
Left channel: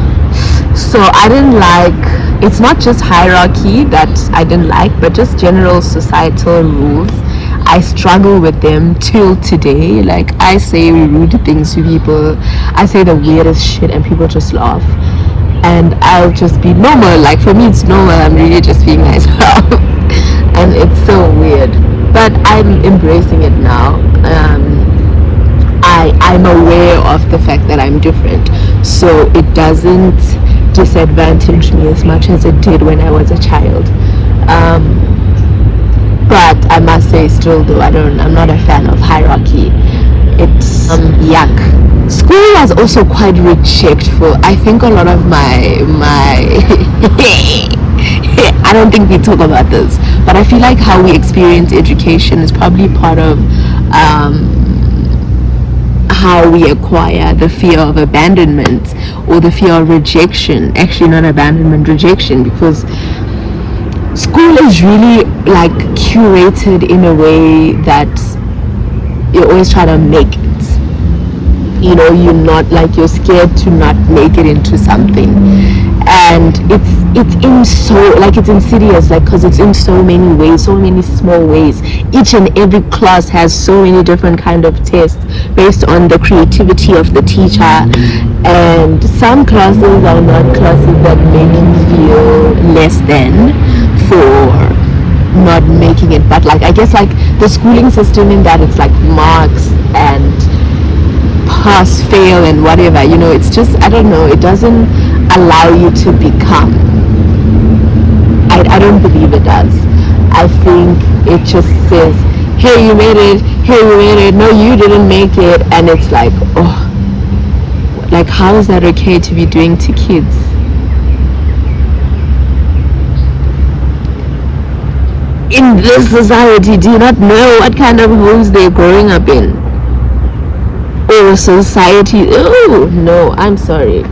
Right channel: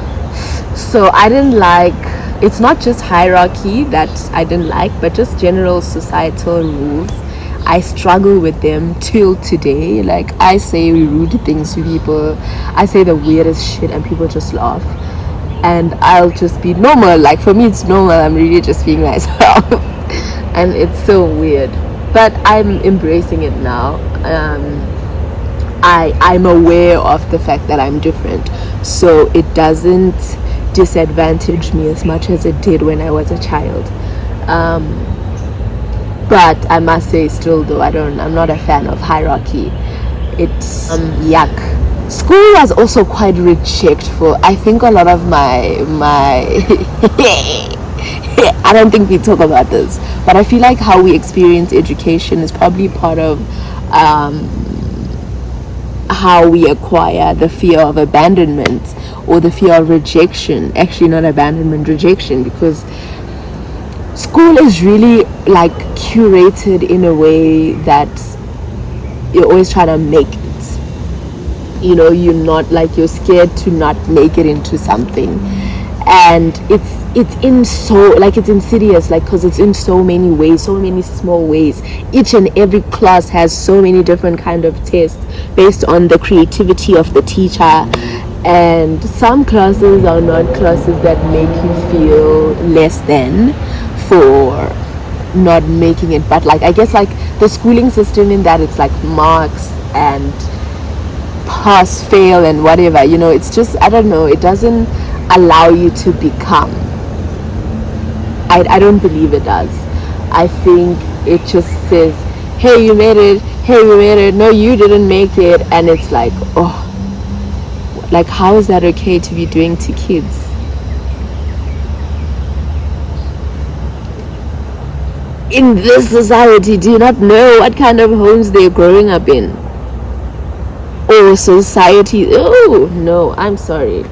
So I didn't like, it's not just hierarchy that I didn't like, but just general societal rules. I struggle with them till today. Like I say rude things to people, I say the weirdest shit and people just laugh, and I'll just be normal. Like for me it's normal, I'm really just being myself. And it's so weird, but I'm embracing it now. I'm aware of the fact that I'm different, so it doesn't disadvantage me as much as it did when I was a child. But I must say still though, I'm not a fan of hierarchy. It's yuck. School was also quite rejectful. I think a lot of my I don't think we talk about this, but I feel like how we experience education is probably part of how we acquire the fear of abandonment or the fear of rejection. Actually not abandonment, rejection, because school is really like curated in a way that you're always trying to make it. You're not like, you're scared to not make it into something, and it's insidious, like, because it's in so many ways, so many small ways. Each and every class has so many different kind of tests based on the creativity of the teacher, and some classes are not classes that make you feel less than for not making it, but like I guess like the schooling system in that it's like marks and pass, fail and whatever, it's just, I don't know, it doesn't allow you to become. I don't believe it does. I think it just says, hey, you made it, hey, you made it, no, you didn't make it, and it's like, oh, like how is that okay to be doing to kids? In this society, do you not know what kind of homes they're growing up in? Or society? Oh no, I'm sorry.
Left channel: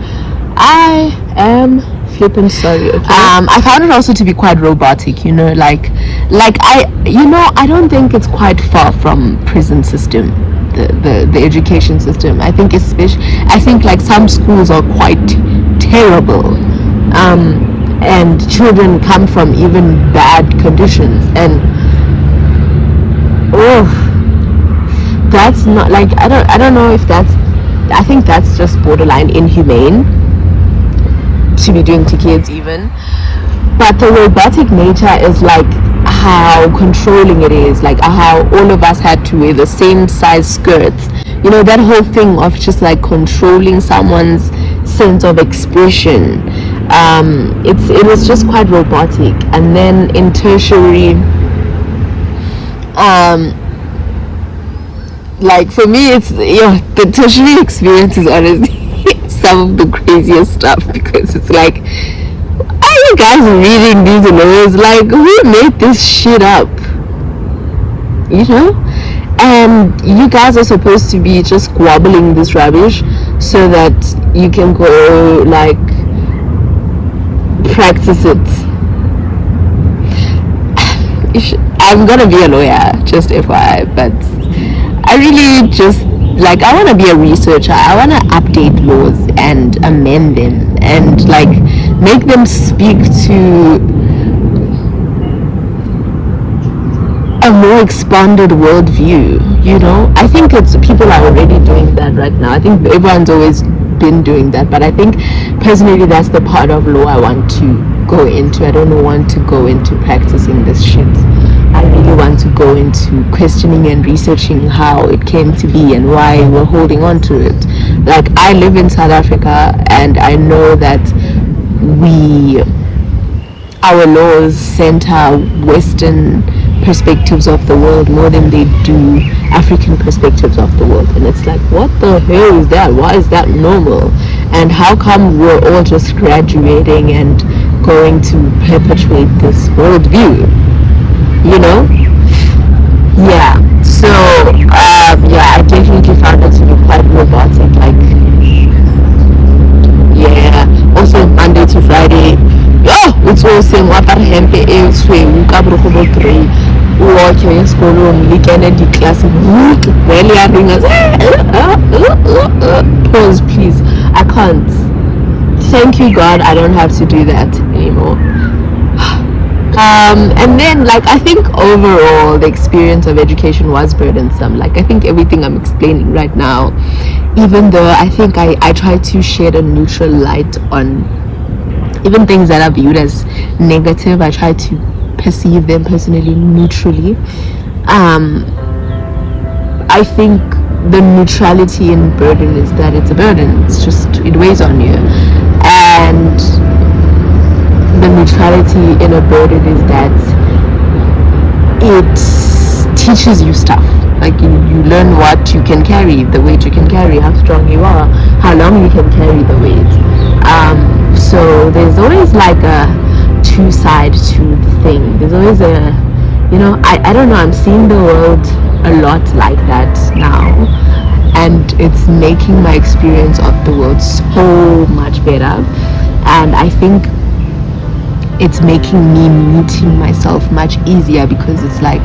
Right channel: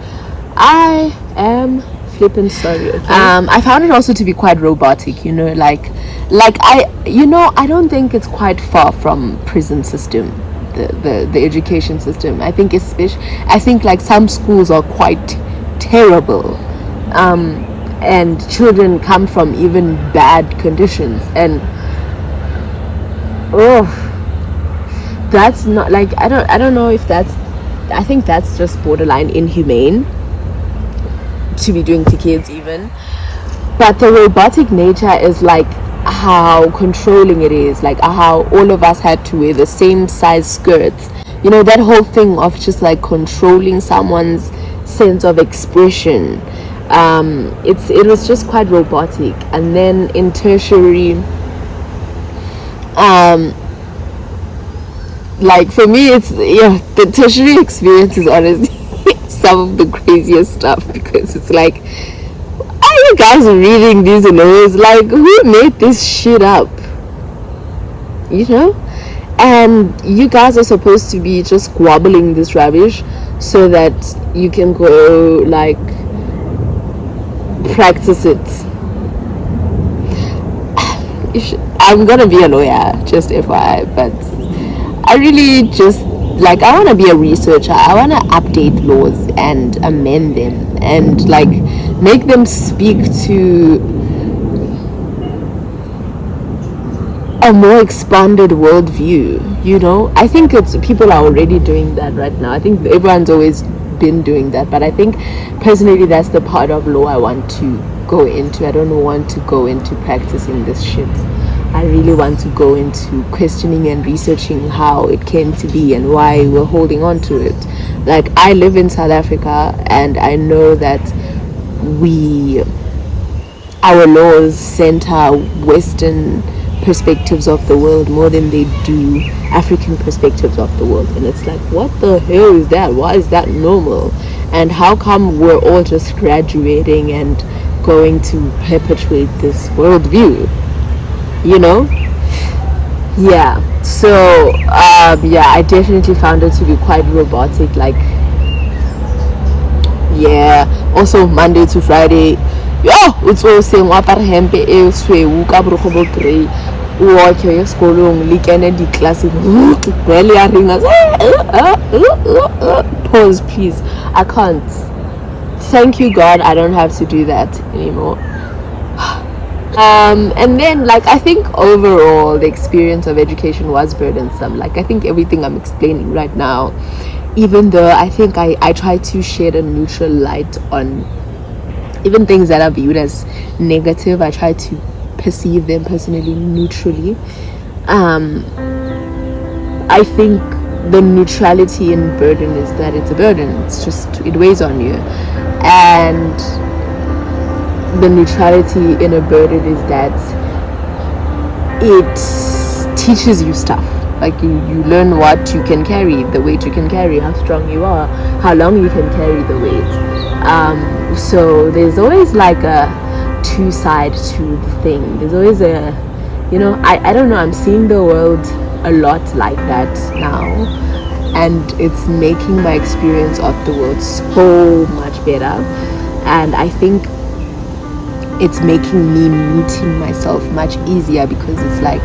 I am flipping sorry. Okay? I found it also to be quite robotic. I don't think it's quite far from prison system the education system. I think like some schools are quite terrible, and children come from even bad conditions, and that's not like, I don't know if that's, I think that's just borderline inhumane to be doing to kids even. But the robotic nature is like how controlling it is, like how all of us had to wear the same size skirts, you know, that whole thing of just like controlling someone's sense of expression. It was just quite robotic. And then in tertiary, like for me, it's, yeah, the tertiary experience is honestly some of the craziest stuff, because it's like, are you guys reading these laws? Like, who made this shit up? You know? And you guys are supposed to be just squabbling this rubbish so that you can go like practice it. I'm gonna be a lawyer, just FYI, but I really just like, I want to be a researcher. I want to update laws and amend them and like make them speak to a more expanded worldview, you know. I think people are already doing that right now. I think everyone's always been doing that, but I think personally that's the part of law I want to go into. I don't want to go into practicing this shit. I really want to go into questioning and researching how it came to be and why we're holding on to it. Like, I live in South Africa, and I know that our laws center Western perspectives of the world more than they do African perspectives of the world. And it's like, what the hell is that? Why is that normal? And how come we're all just graduating and going to perpetuate this worldview? You know? Yeah. So yeah, I definitely found it to be quite robotic. Like, yeah. Also Monday to Friday, it's all same wapar hempe e sweu ka brogobo grey watch your school lekene di class really a ringa. Pause please, I can't. Thank you God, I don't have to do that anymore. And then like, I think overall the experience of education was burdensome. Like, I think everything I'm explaining right now, even though I think I try to shed a neutral light on even things that are viewed as negative, I try to perceive them personally neutrally. I think the neutrality in burden is that it's a burden. It's just, it weighs on you. And the neutrality in a burden is that it teaches you stuff. Like, you learn what you can carry, the weight you can carry, how strong you are, how long you can carry the weight. So there's always like a two sides to the thing. There's always a, you know, I don't know, I'm seeing the world a lot like that now, and it's making my experience of the world so much better. And I think it's making me meeting myself much easier, because it's like,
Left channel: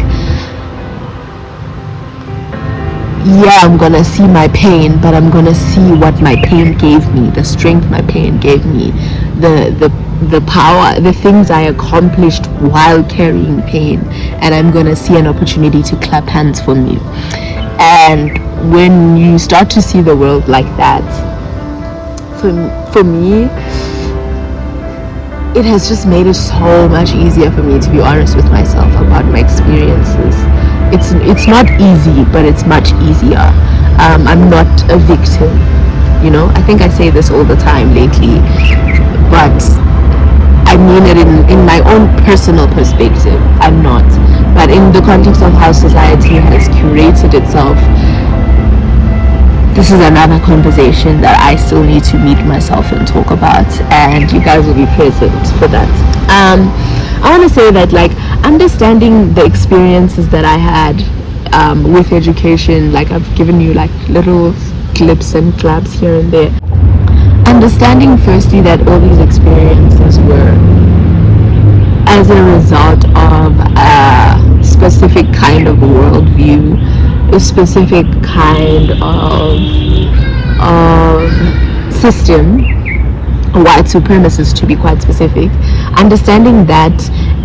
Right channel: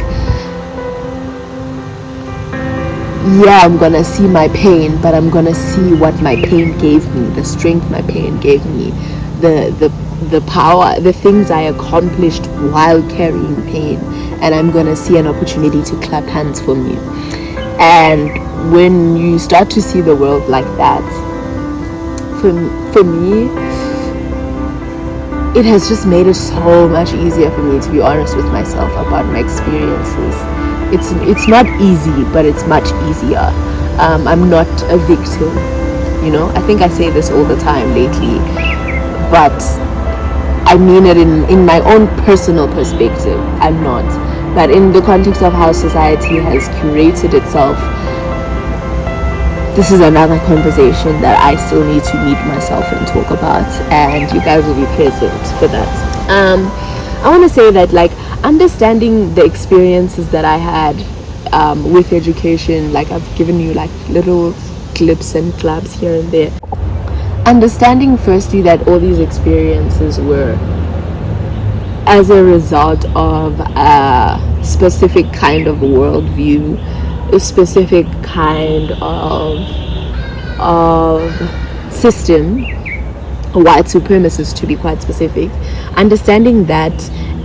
yeah, I'm gonna see my pain, but I'm gonna see what my pain gave me, the strength my pain gave me, the power, the things I accomplished while carrying pain, and I'm gonna see an opportunity to clap hands for me. And when you start to see the world like that, for me, it has just made it so much easier for me to be honest with myself about my experiences. It's not easy, but it's much easier. I'm not a victim, you know. I think I say this all the time lately, but I mean it in my own personal perspective. I'm not, but in the context of how society has curated itself, this is another conversation that I still need to meet myself and talk about, and you guys will be present for that. I want to say that, like, understanding the experiences that I had with education, like I've given you like little clips and claps here and there. Understanding firstly that all these experiences were as a result of a specific kind of worldview a specific kind of system, white supremacist to be quite specific, understanding that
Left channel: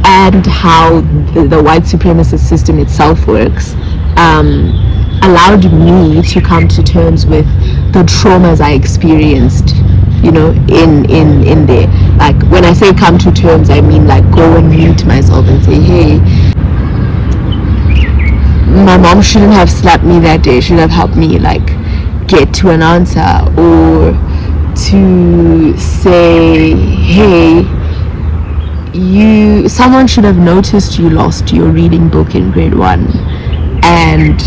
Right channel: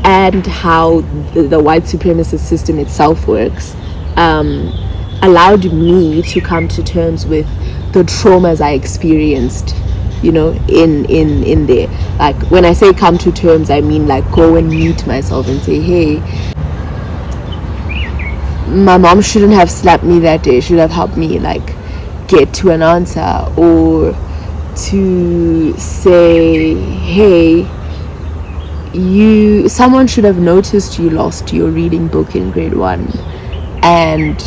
and how the white supremacist system itself works, allowed me to come to terms with the traumas I experienced, you know, in there. Like, when I say come to terms, I mean like go and meet myself and say, hey, my mom shouldn't have slapped me that day, should have helped me like get to an answer, or to say, hey, someone should have noticed you lost your reading book in grade 1 and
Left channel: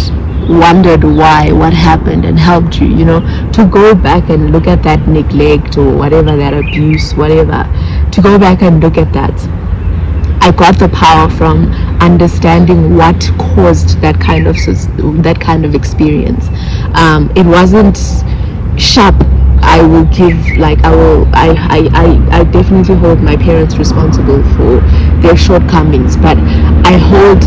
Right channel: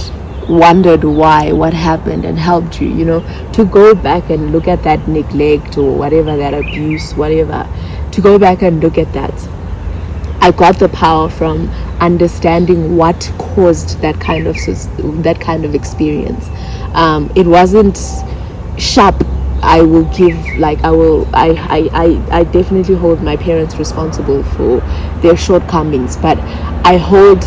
wondered why, what happened, and helped you, you know, to go back and look at that neglect or whatever, that abuse, whatever, to go back and look at that. I got the power from understanding what caused that kind of experience. It wasn't sharp. I will give, like, I definitely hold my parents responsible for their shortcomings, but I hold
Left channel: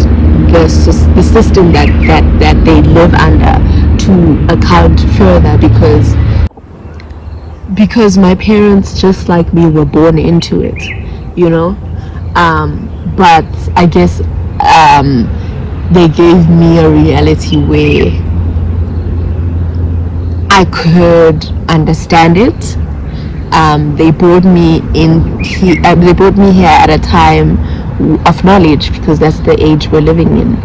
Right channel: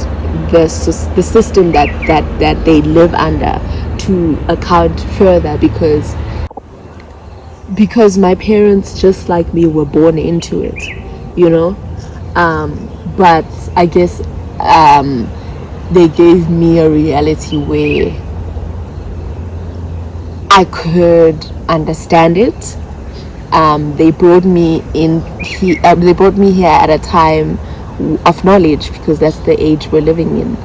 the system that they live under to account further, because my parents, just like me, were born into it, you know. But I guess they gave me a reality where I could understand it. They brought me they brought me here at a time of knowledge, because that's the age we're living in.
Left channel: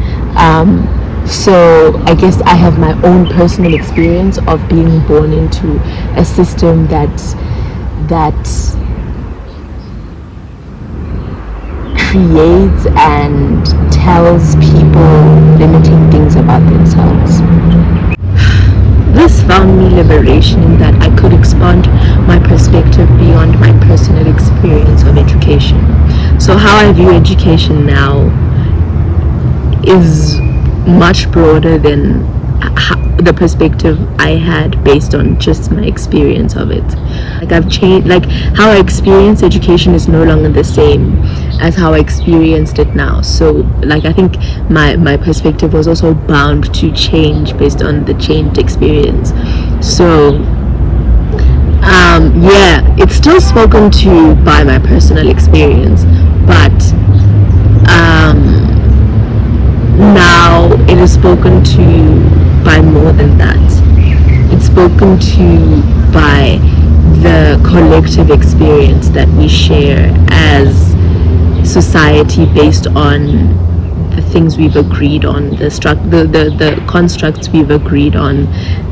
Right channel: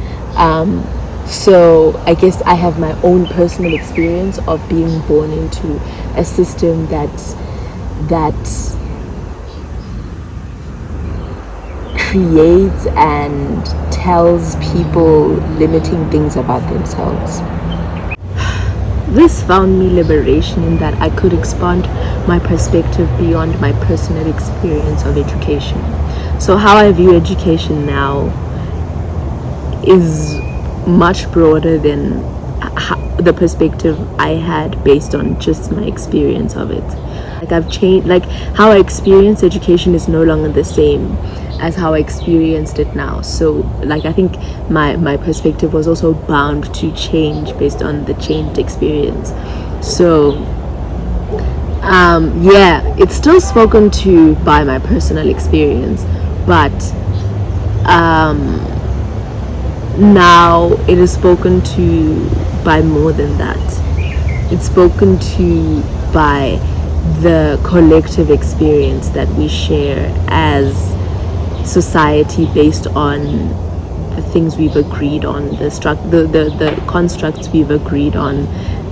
So I guess I have my own personal experience of being born into a system that creates and tells people limiting things about themselves. This found me liberation in that I could expand my perspective beyond my personal experience of education. So how I view education now is much broader than the perspective I had based on just my experience of it. Like, I've changed, like how I experience education is no longer the same as how I experienced it now. So like, I think my perspective was also bound to change based on the changed experience. So yeah, it's still spoken to by my personal experience, but now it is spoken to by more than that. It's spoken to by the collective experience that we share as society, based on the things we've agreed on, the constructs we've agreed on,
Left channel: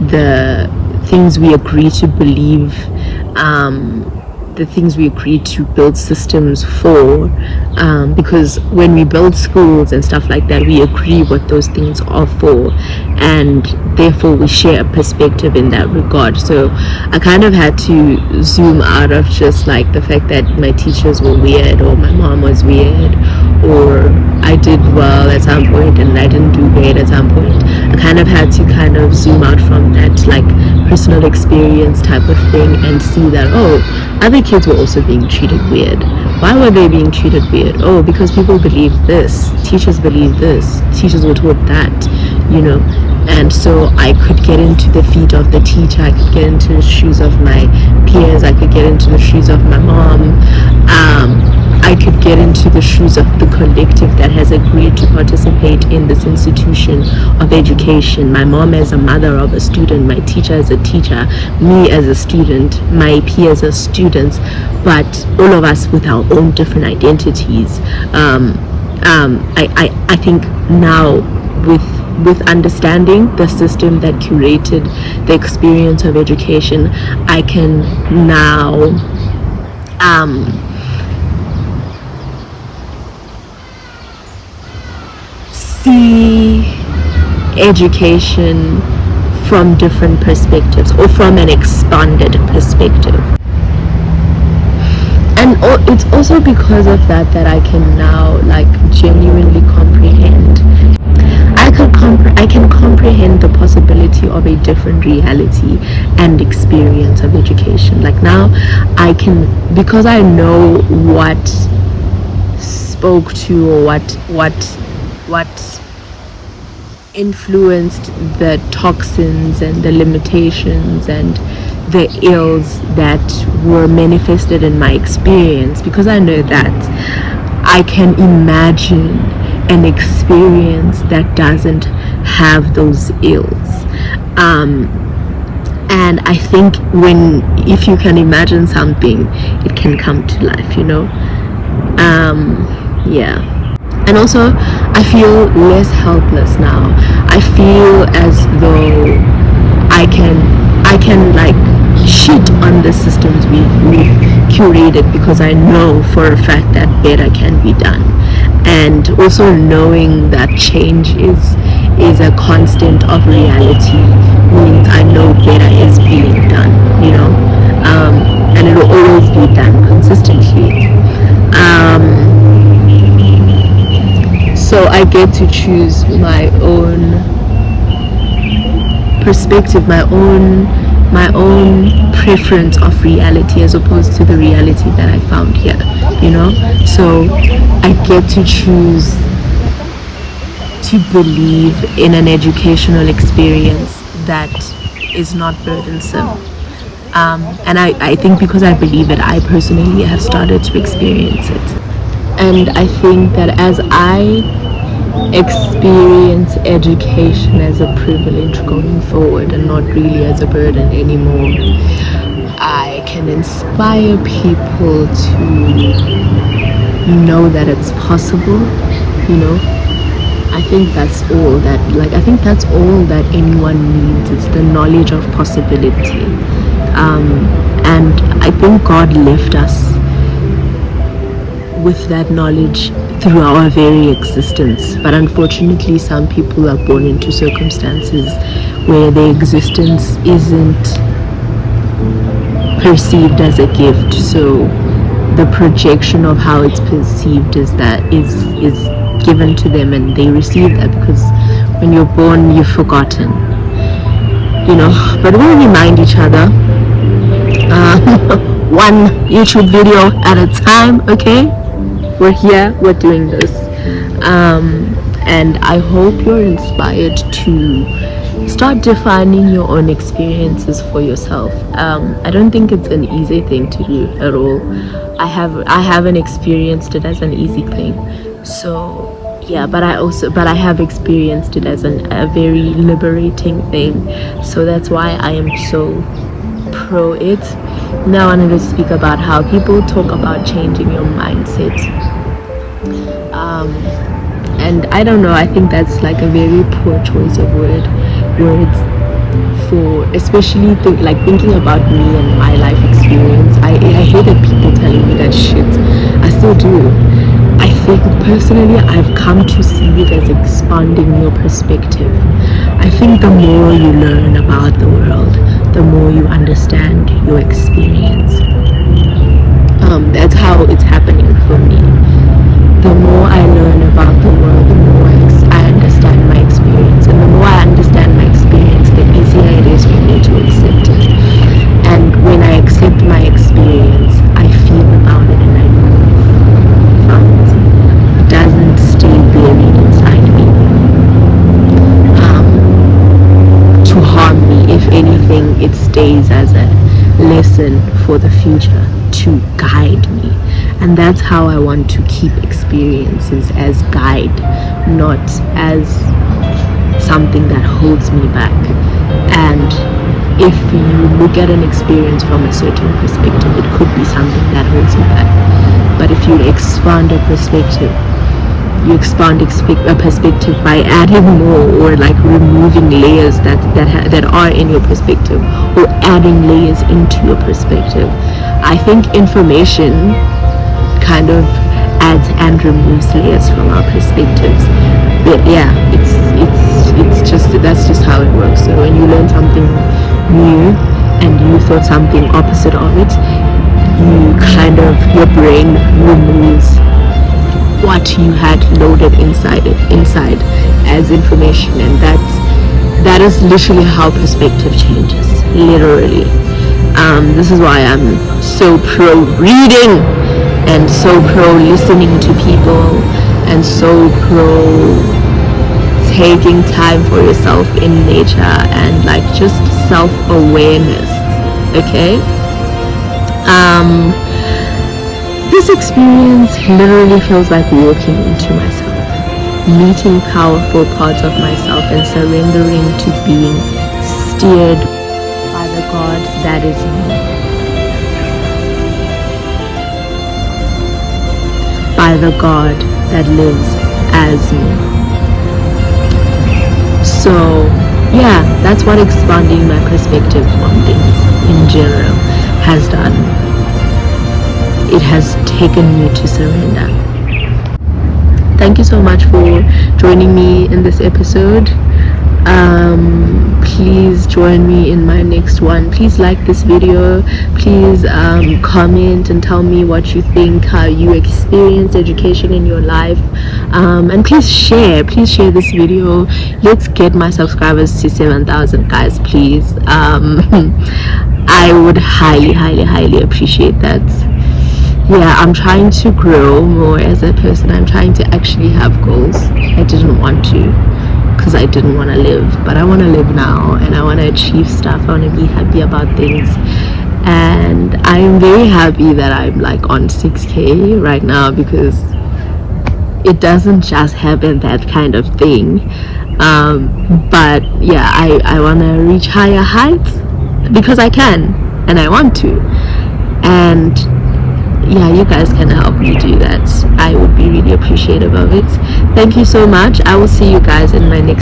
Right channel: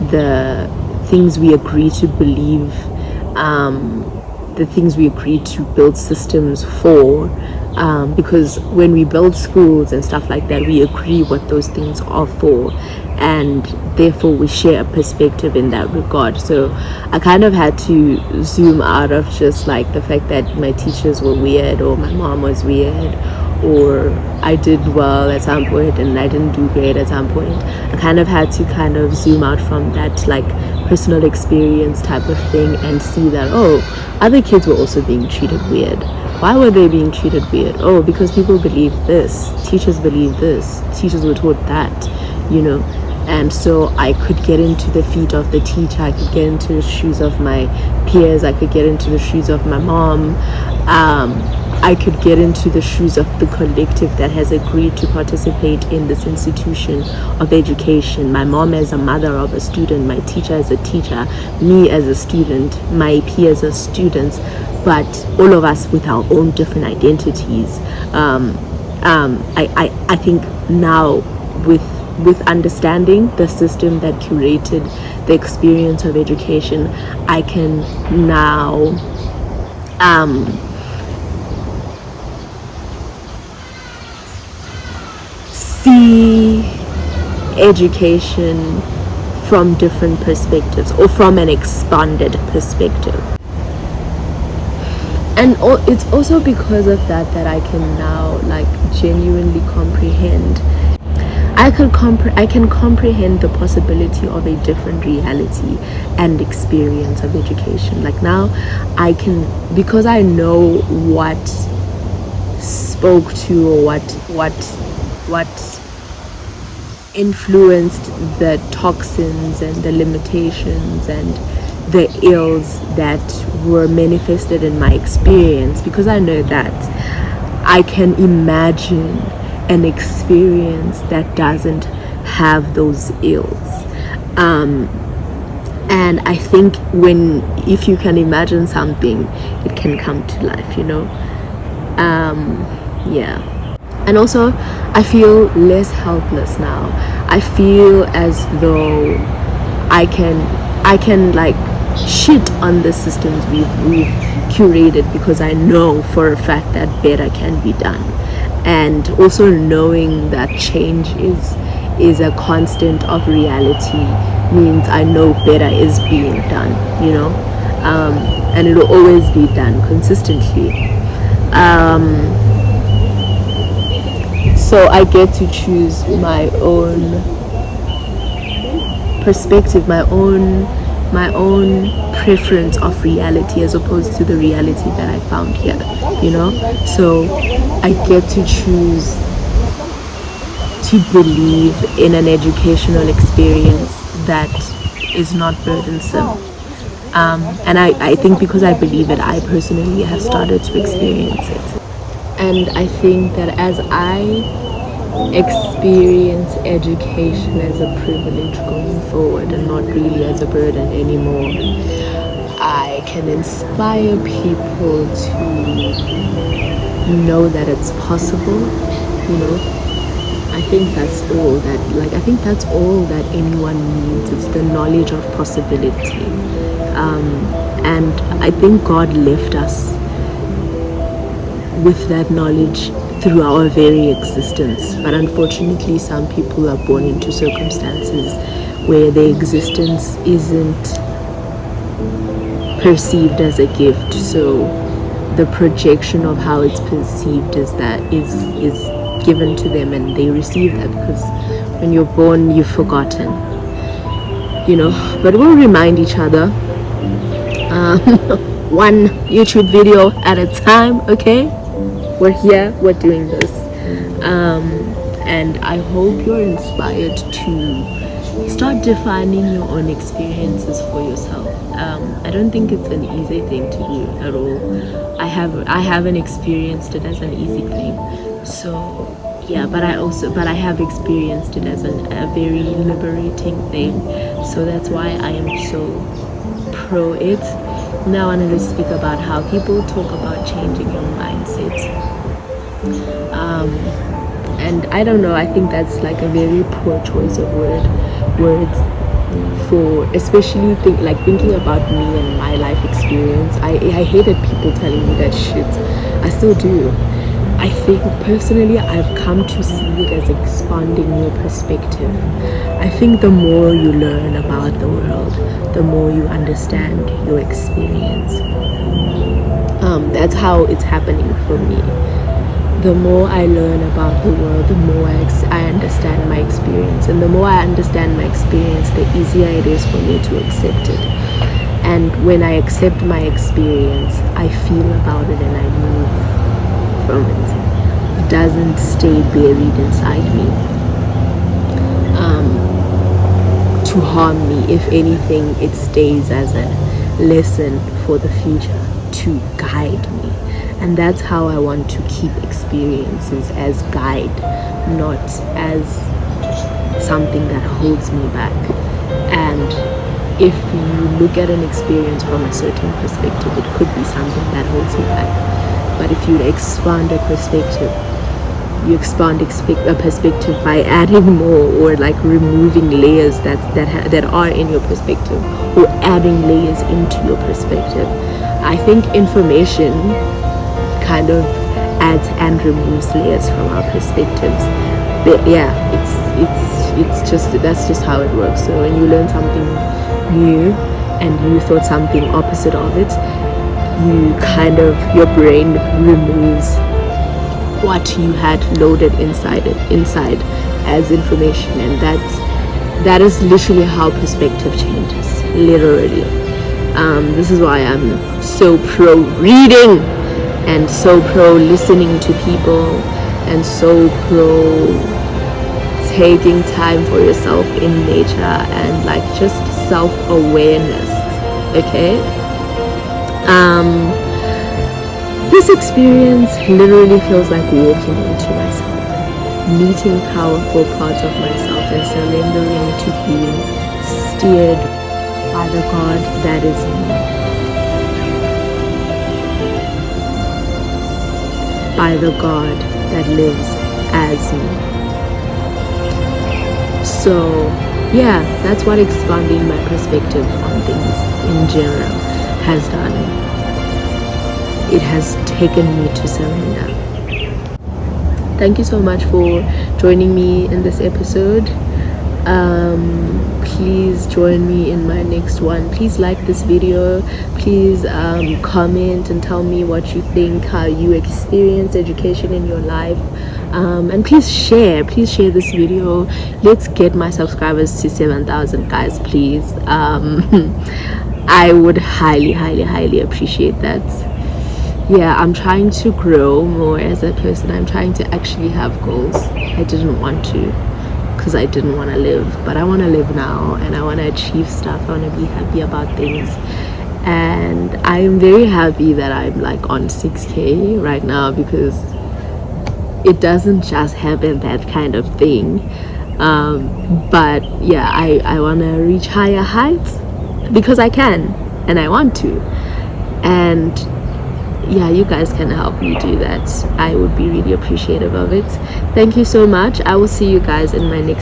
the things we agree to believe, the things we agree to build systems for, because when we build schools and stuff like that, we agree what those things are for, and therefore we share a perspective in that regard. So I kind of had to zoom out of just like the fact that my teachers were weird, or my mom was weird, or I did well at some point and I didn't do great at some point. I kind of had to kind of zoom out from that like personal experience type of thing and see that, oh, other kids were also being treated weird. Why were they being treated weird? Oh, because people believe this, teachers believe this, teachers were taught that, you know. And so I could get into the feet of the teacher, I could get into the shoes of my peers, I could get into the shoes of my mom, I could get into the shoes of the collective that has agreed to participate in this institution of education. My mom as a mother of a student, my teacher as a teacher, me as a student, my peers as students, but all of us with our own different identities. I think now with understanding the system that curated the experience of education, I can now see education from different perspectives, or from an expanded perspective. And it's also because of that I can now like genuinely comprehend. I can comprehend the possibility of a different reality and experience of education. Like now I can, because I know what spoke to, or what influenced the toxins and the limitations and the ills that were manifested in my experience, because I know that I can imagine an experience that doesn't have those ills. And I think if you can imagine something, it can come to life, yeah. And also, I feel less helpless now. I feel as though I can like shit on the systems we've curated, because I know for a fact that better can be done. And also knowing that change is a constant of reality means I know better is being done, and it will always be done consistently. So I get to choose my own perspective, my own preference of reality, as opposed to the reality that I found here, so I get to choose to believe in an educational experience that is not burdensome, and I think because I believe it, I personally have started to experience it. And I think that as I experience education as a privilege going forward and not really as a burden anymore, I can inspire people to know that it's possible. I think that's all that anyone needs. It's the knowledge of possibility, and I think God left us with that knowledge through our very existence. But unfortunately, some people are born into circumstances where their existence isn't perceived as a gift, so the projection of how it's perceived is given to them, and they receive that, because when you're born, you've forgotten, but we'll remind each other, one YouTube video at a time, okay? We're here, we're doing this, and I hope you're inspired to start defining your own experiences for yourself. I don't think it's an easy thing to do at all. I haven't experienced it as an easy thing, so yeah, but I have experienced it as a very liberating thing, so that's why I am so pro it. Now I wanted to speak about how people talk about changing your mindset, and I don't know, I think that's like a very poor choice of words for especially thinking about me and my life experience. I hated people telling me that shit. I still do. I think personally I've come to see it as expanding your perspective. I think the more you learn about the world, the more you understand your experience. That's how it's happening for me. The more I learn about the world, the more I understand my experience. And the more I understand my experience, the easier it is for me to accept it. And when I accept my experience, I feel about it and I move from it. It doesn't stay buried inside me to harm me. If anything, it stays as a lesson for the future to guide me. And that's how I want to keep experiences, as guide, not as something that holds me back. And if you look at an experience from a certain perspective, it could be something that holds you back. But if you expand a perspective, you expand a perspective by adding more, or like removing layers that are in your perspective, or adding layers into your perspective. I think information kind of adds and removes layers from our perspectives. But yeah, that's just how it works. So when you learn something new and you thought something opposite of it, your brain removes what you had loaded inside as information, and that is literally how perspective changes, literally. This is why I'm so pro reading and so pro listening to people and so pro taking time for yourself in nature and like just self-awareness. Okay, this experience literally feels like walking into myself, meeting powerful parts of myself and surrendering to being steered by the God that is me, by the God that lives as me. So yeah, that's what expanding my perspective on things in general has done. It has taken me to surrender. Thank you so much for joining me in this episode. Please join me in my next one. Please like this video. Please comment and tell me what you think, how you experience education in your life, and please share this video. Let's get my subscribers to 7,000, guys, please. I would highly appreciate that. Yeah, I'm trying to grow more as a person. I'm trying to actually have goals. I didn't want to because I didn't want to live, but I want to live now and I want to achieve stuff. I want to be happy about things, and I'm very happy that I'm like on 6K right now, because it doesn't just happen, that kind of thing. But yeah, I want to reach higher heights because I can and I want to, and yeah, you guys can help me do that. I would be really appreciative of it. Thank you so much. I will see you guys in my next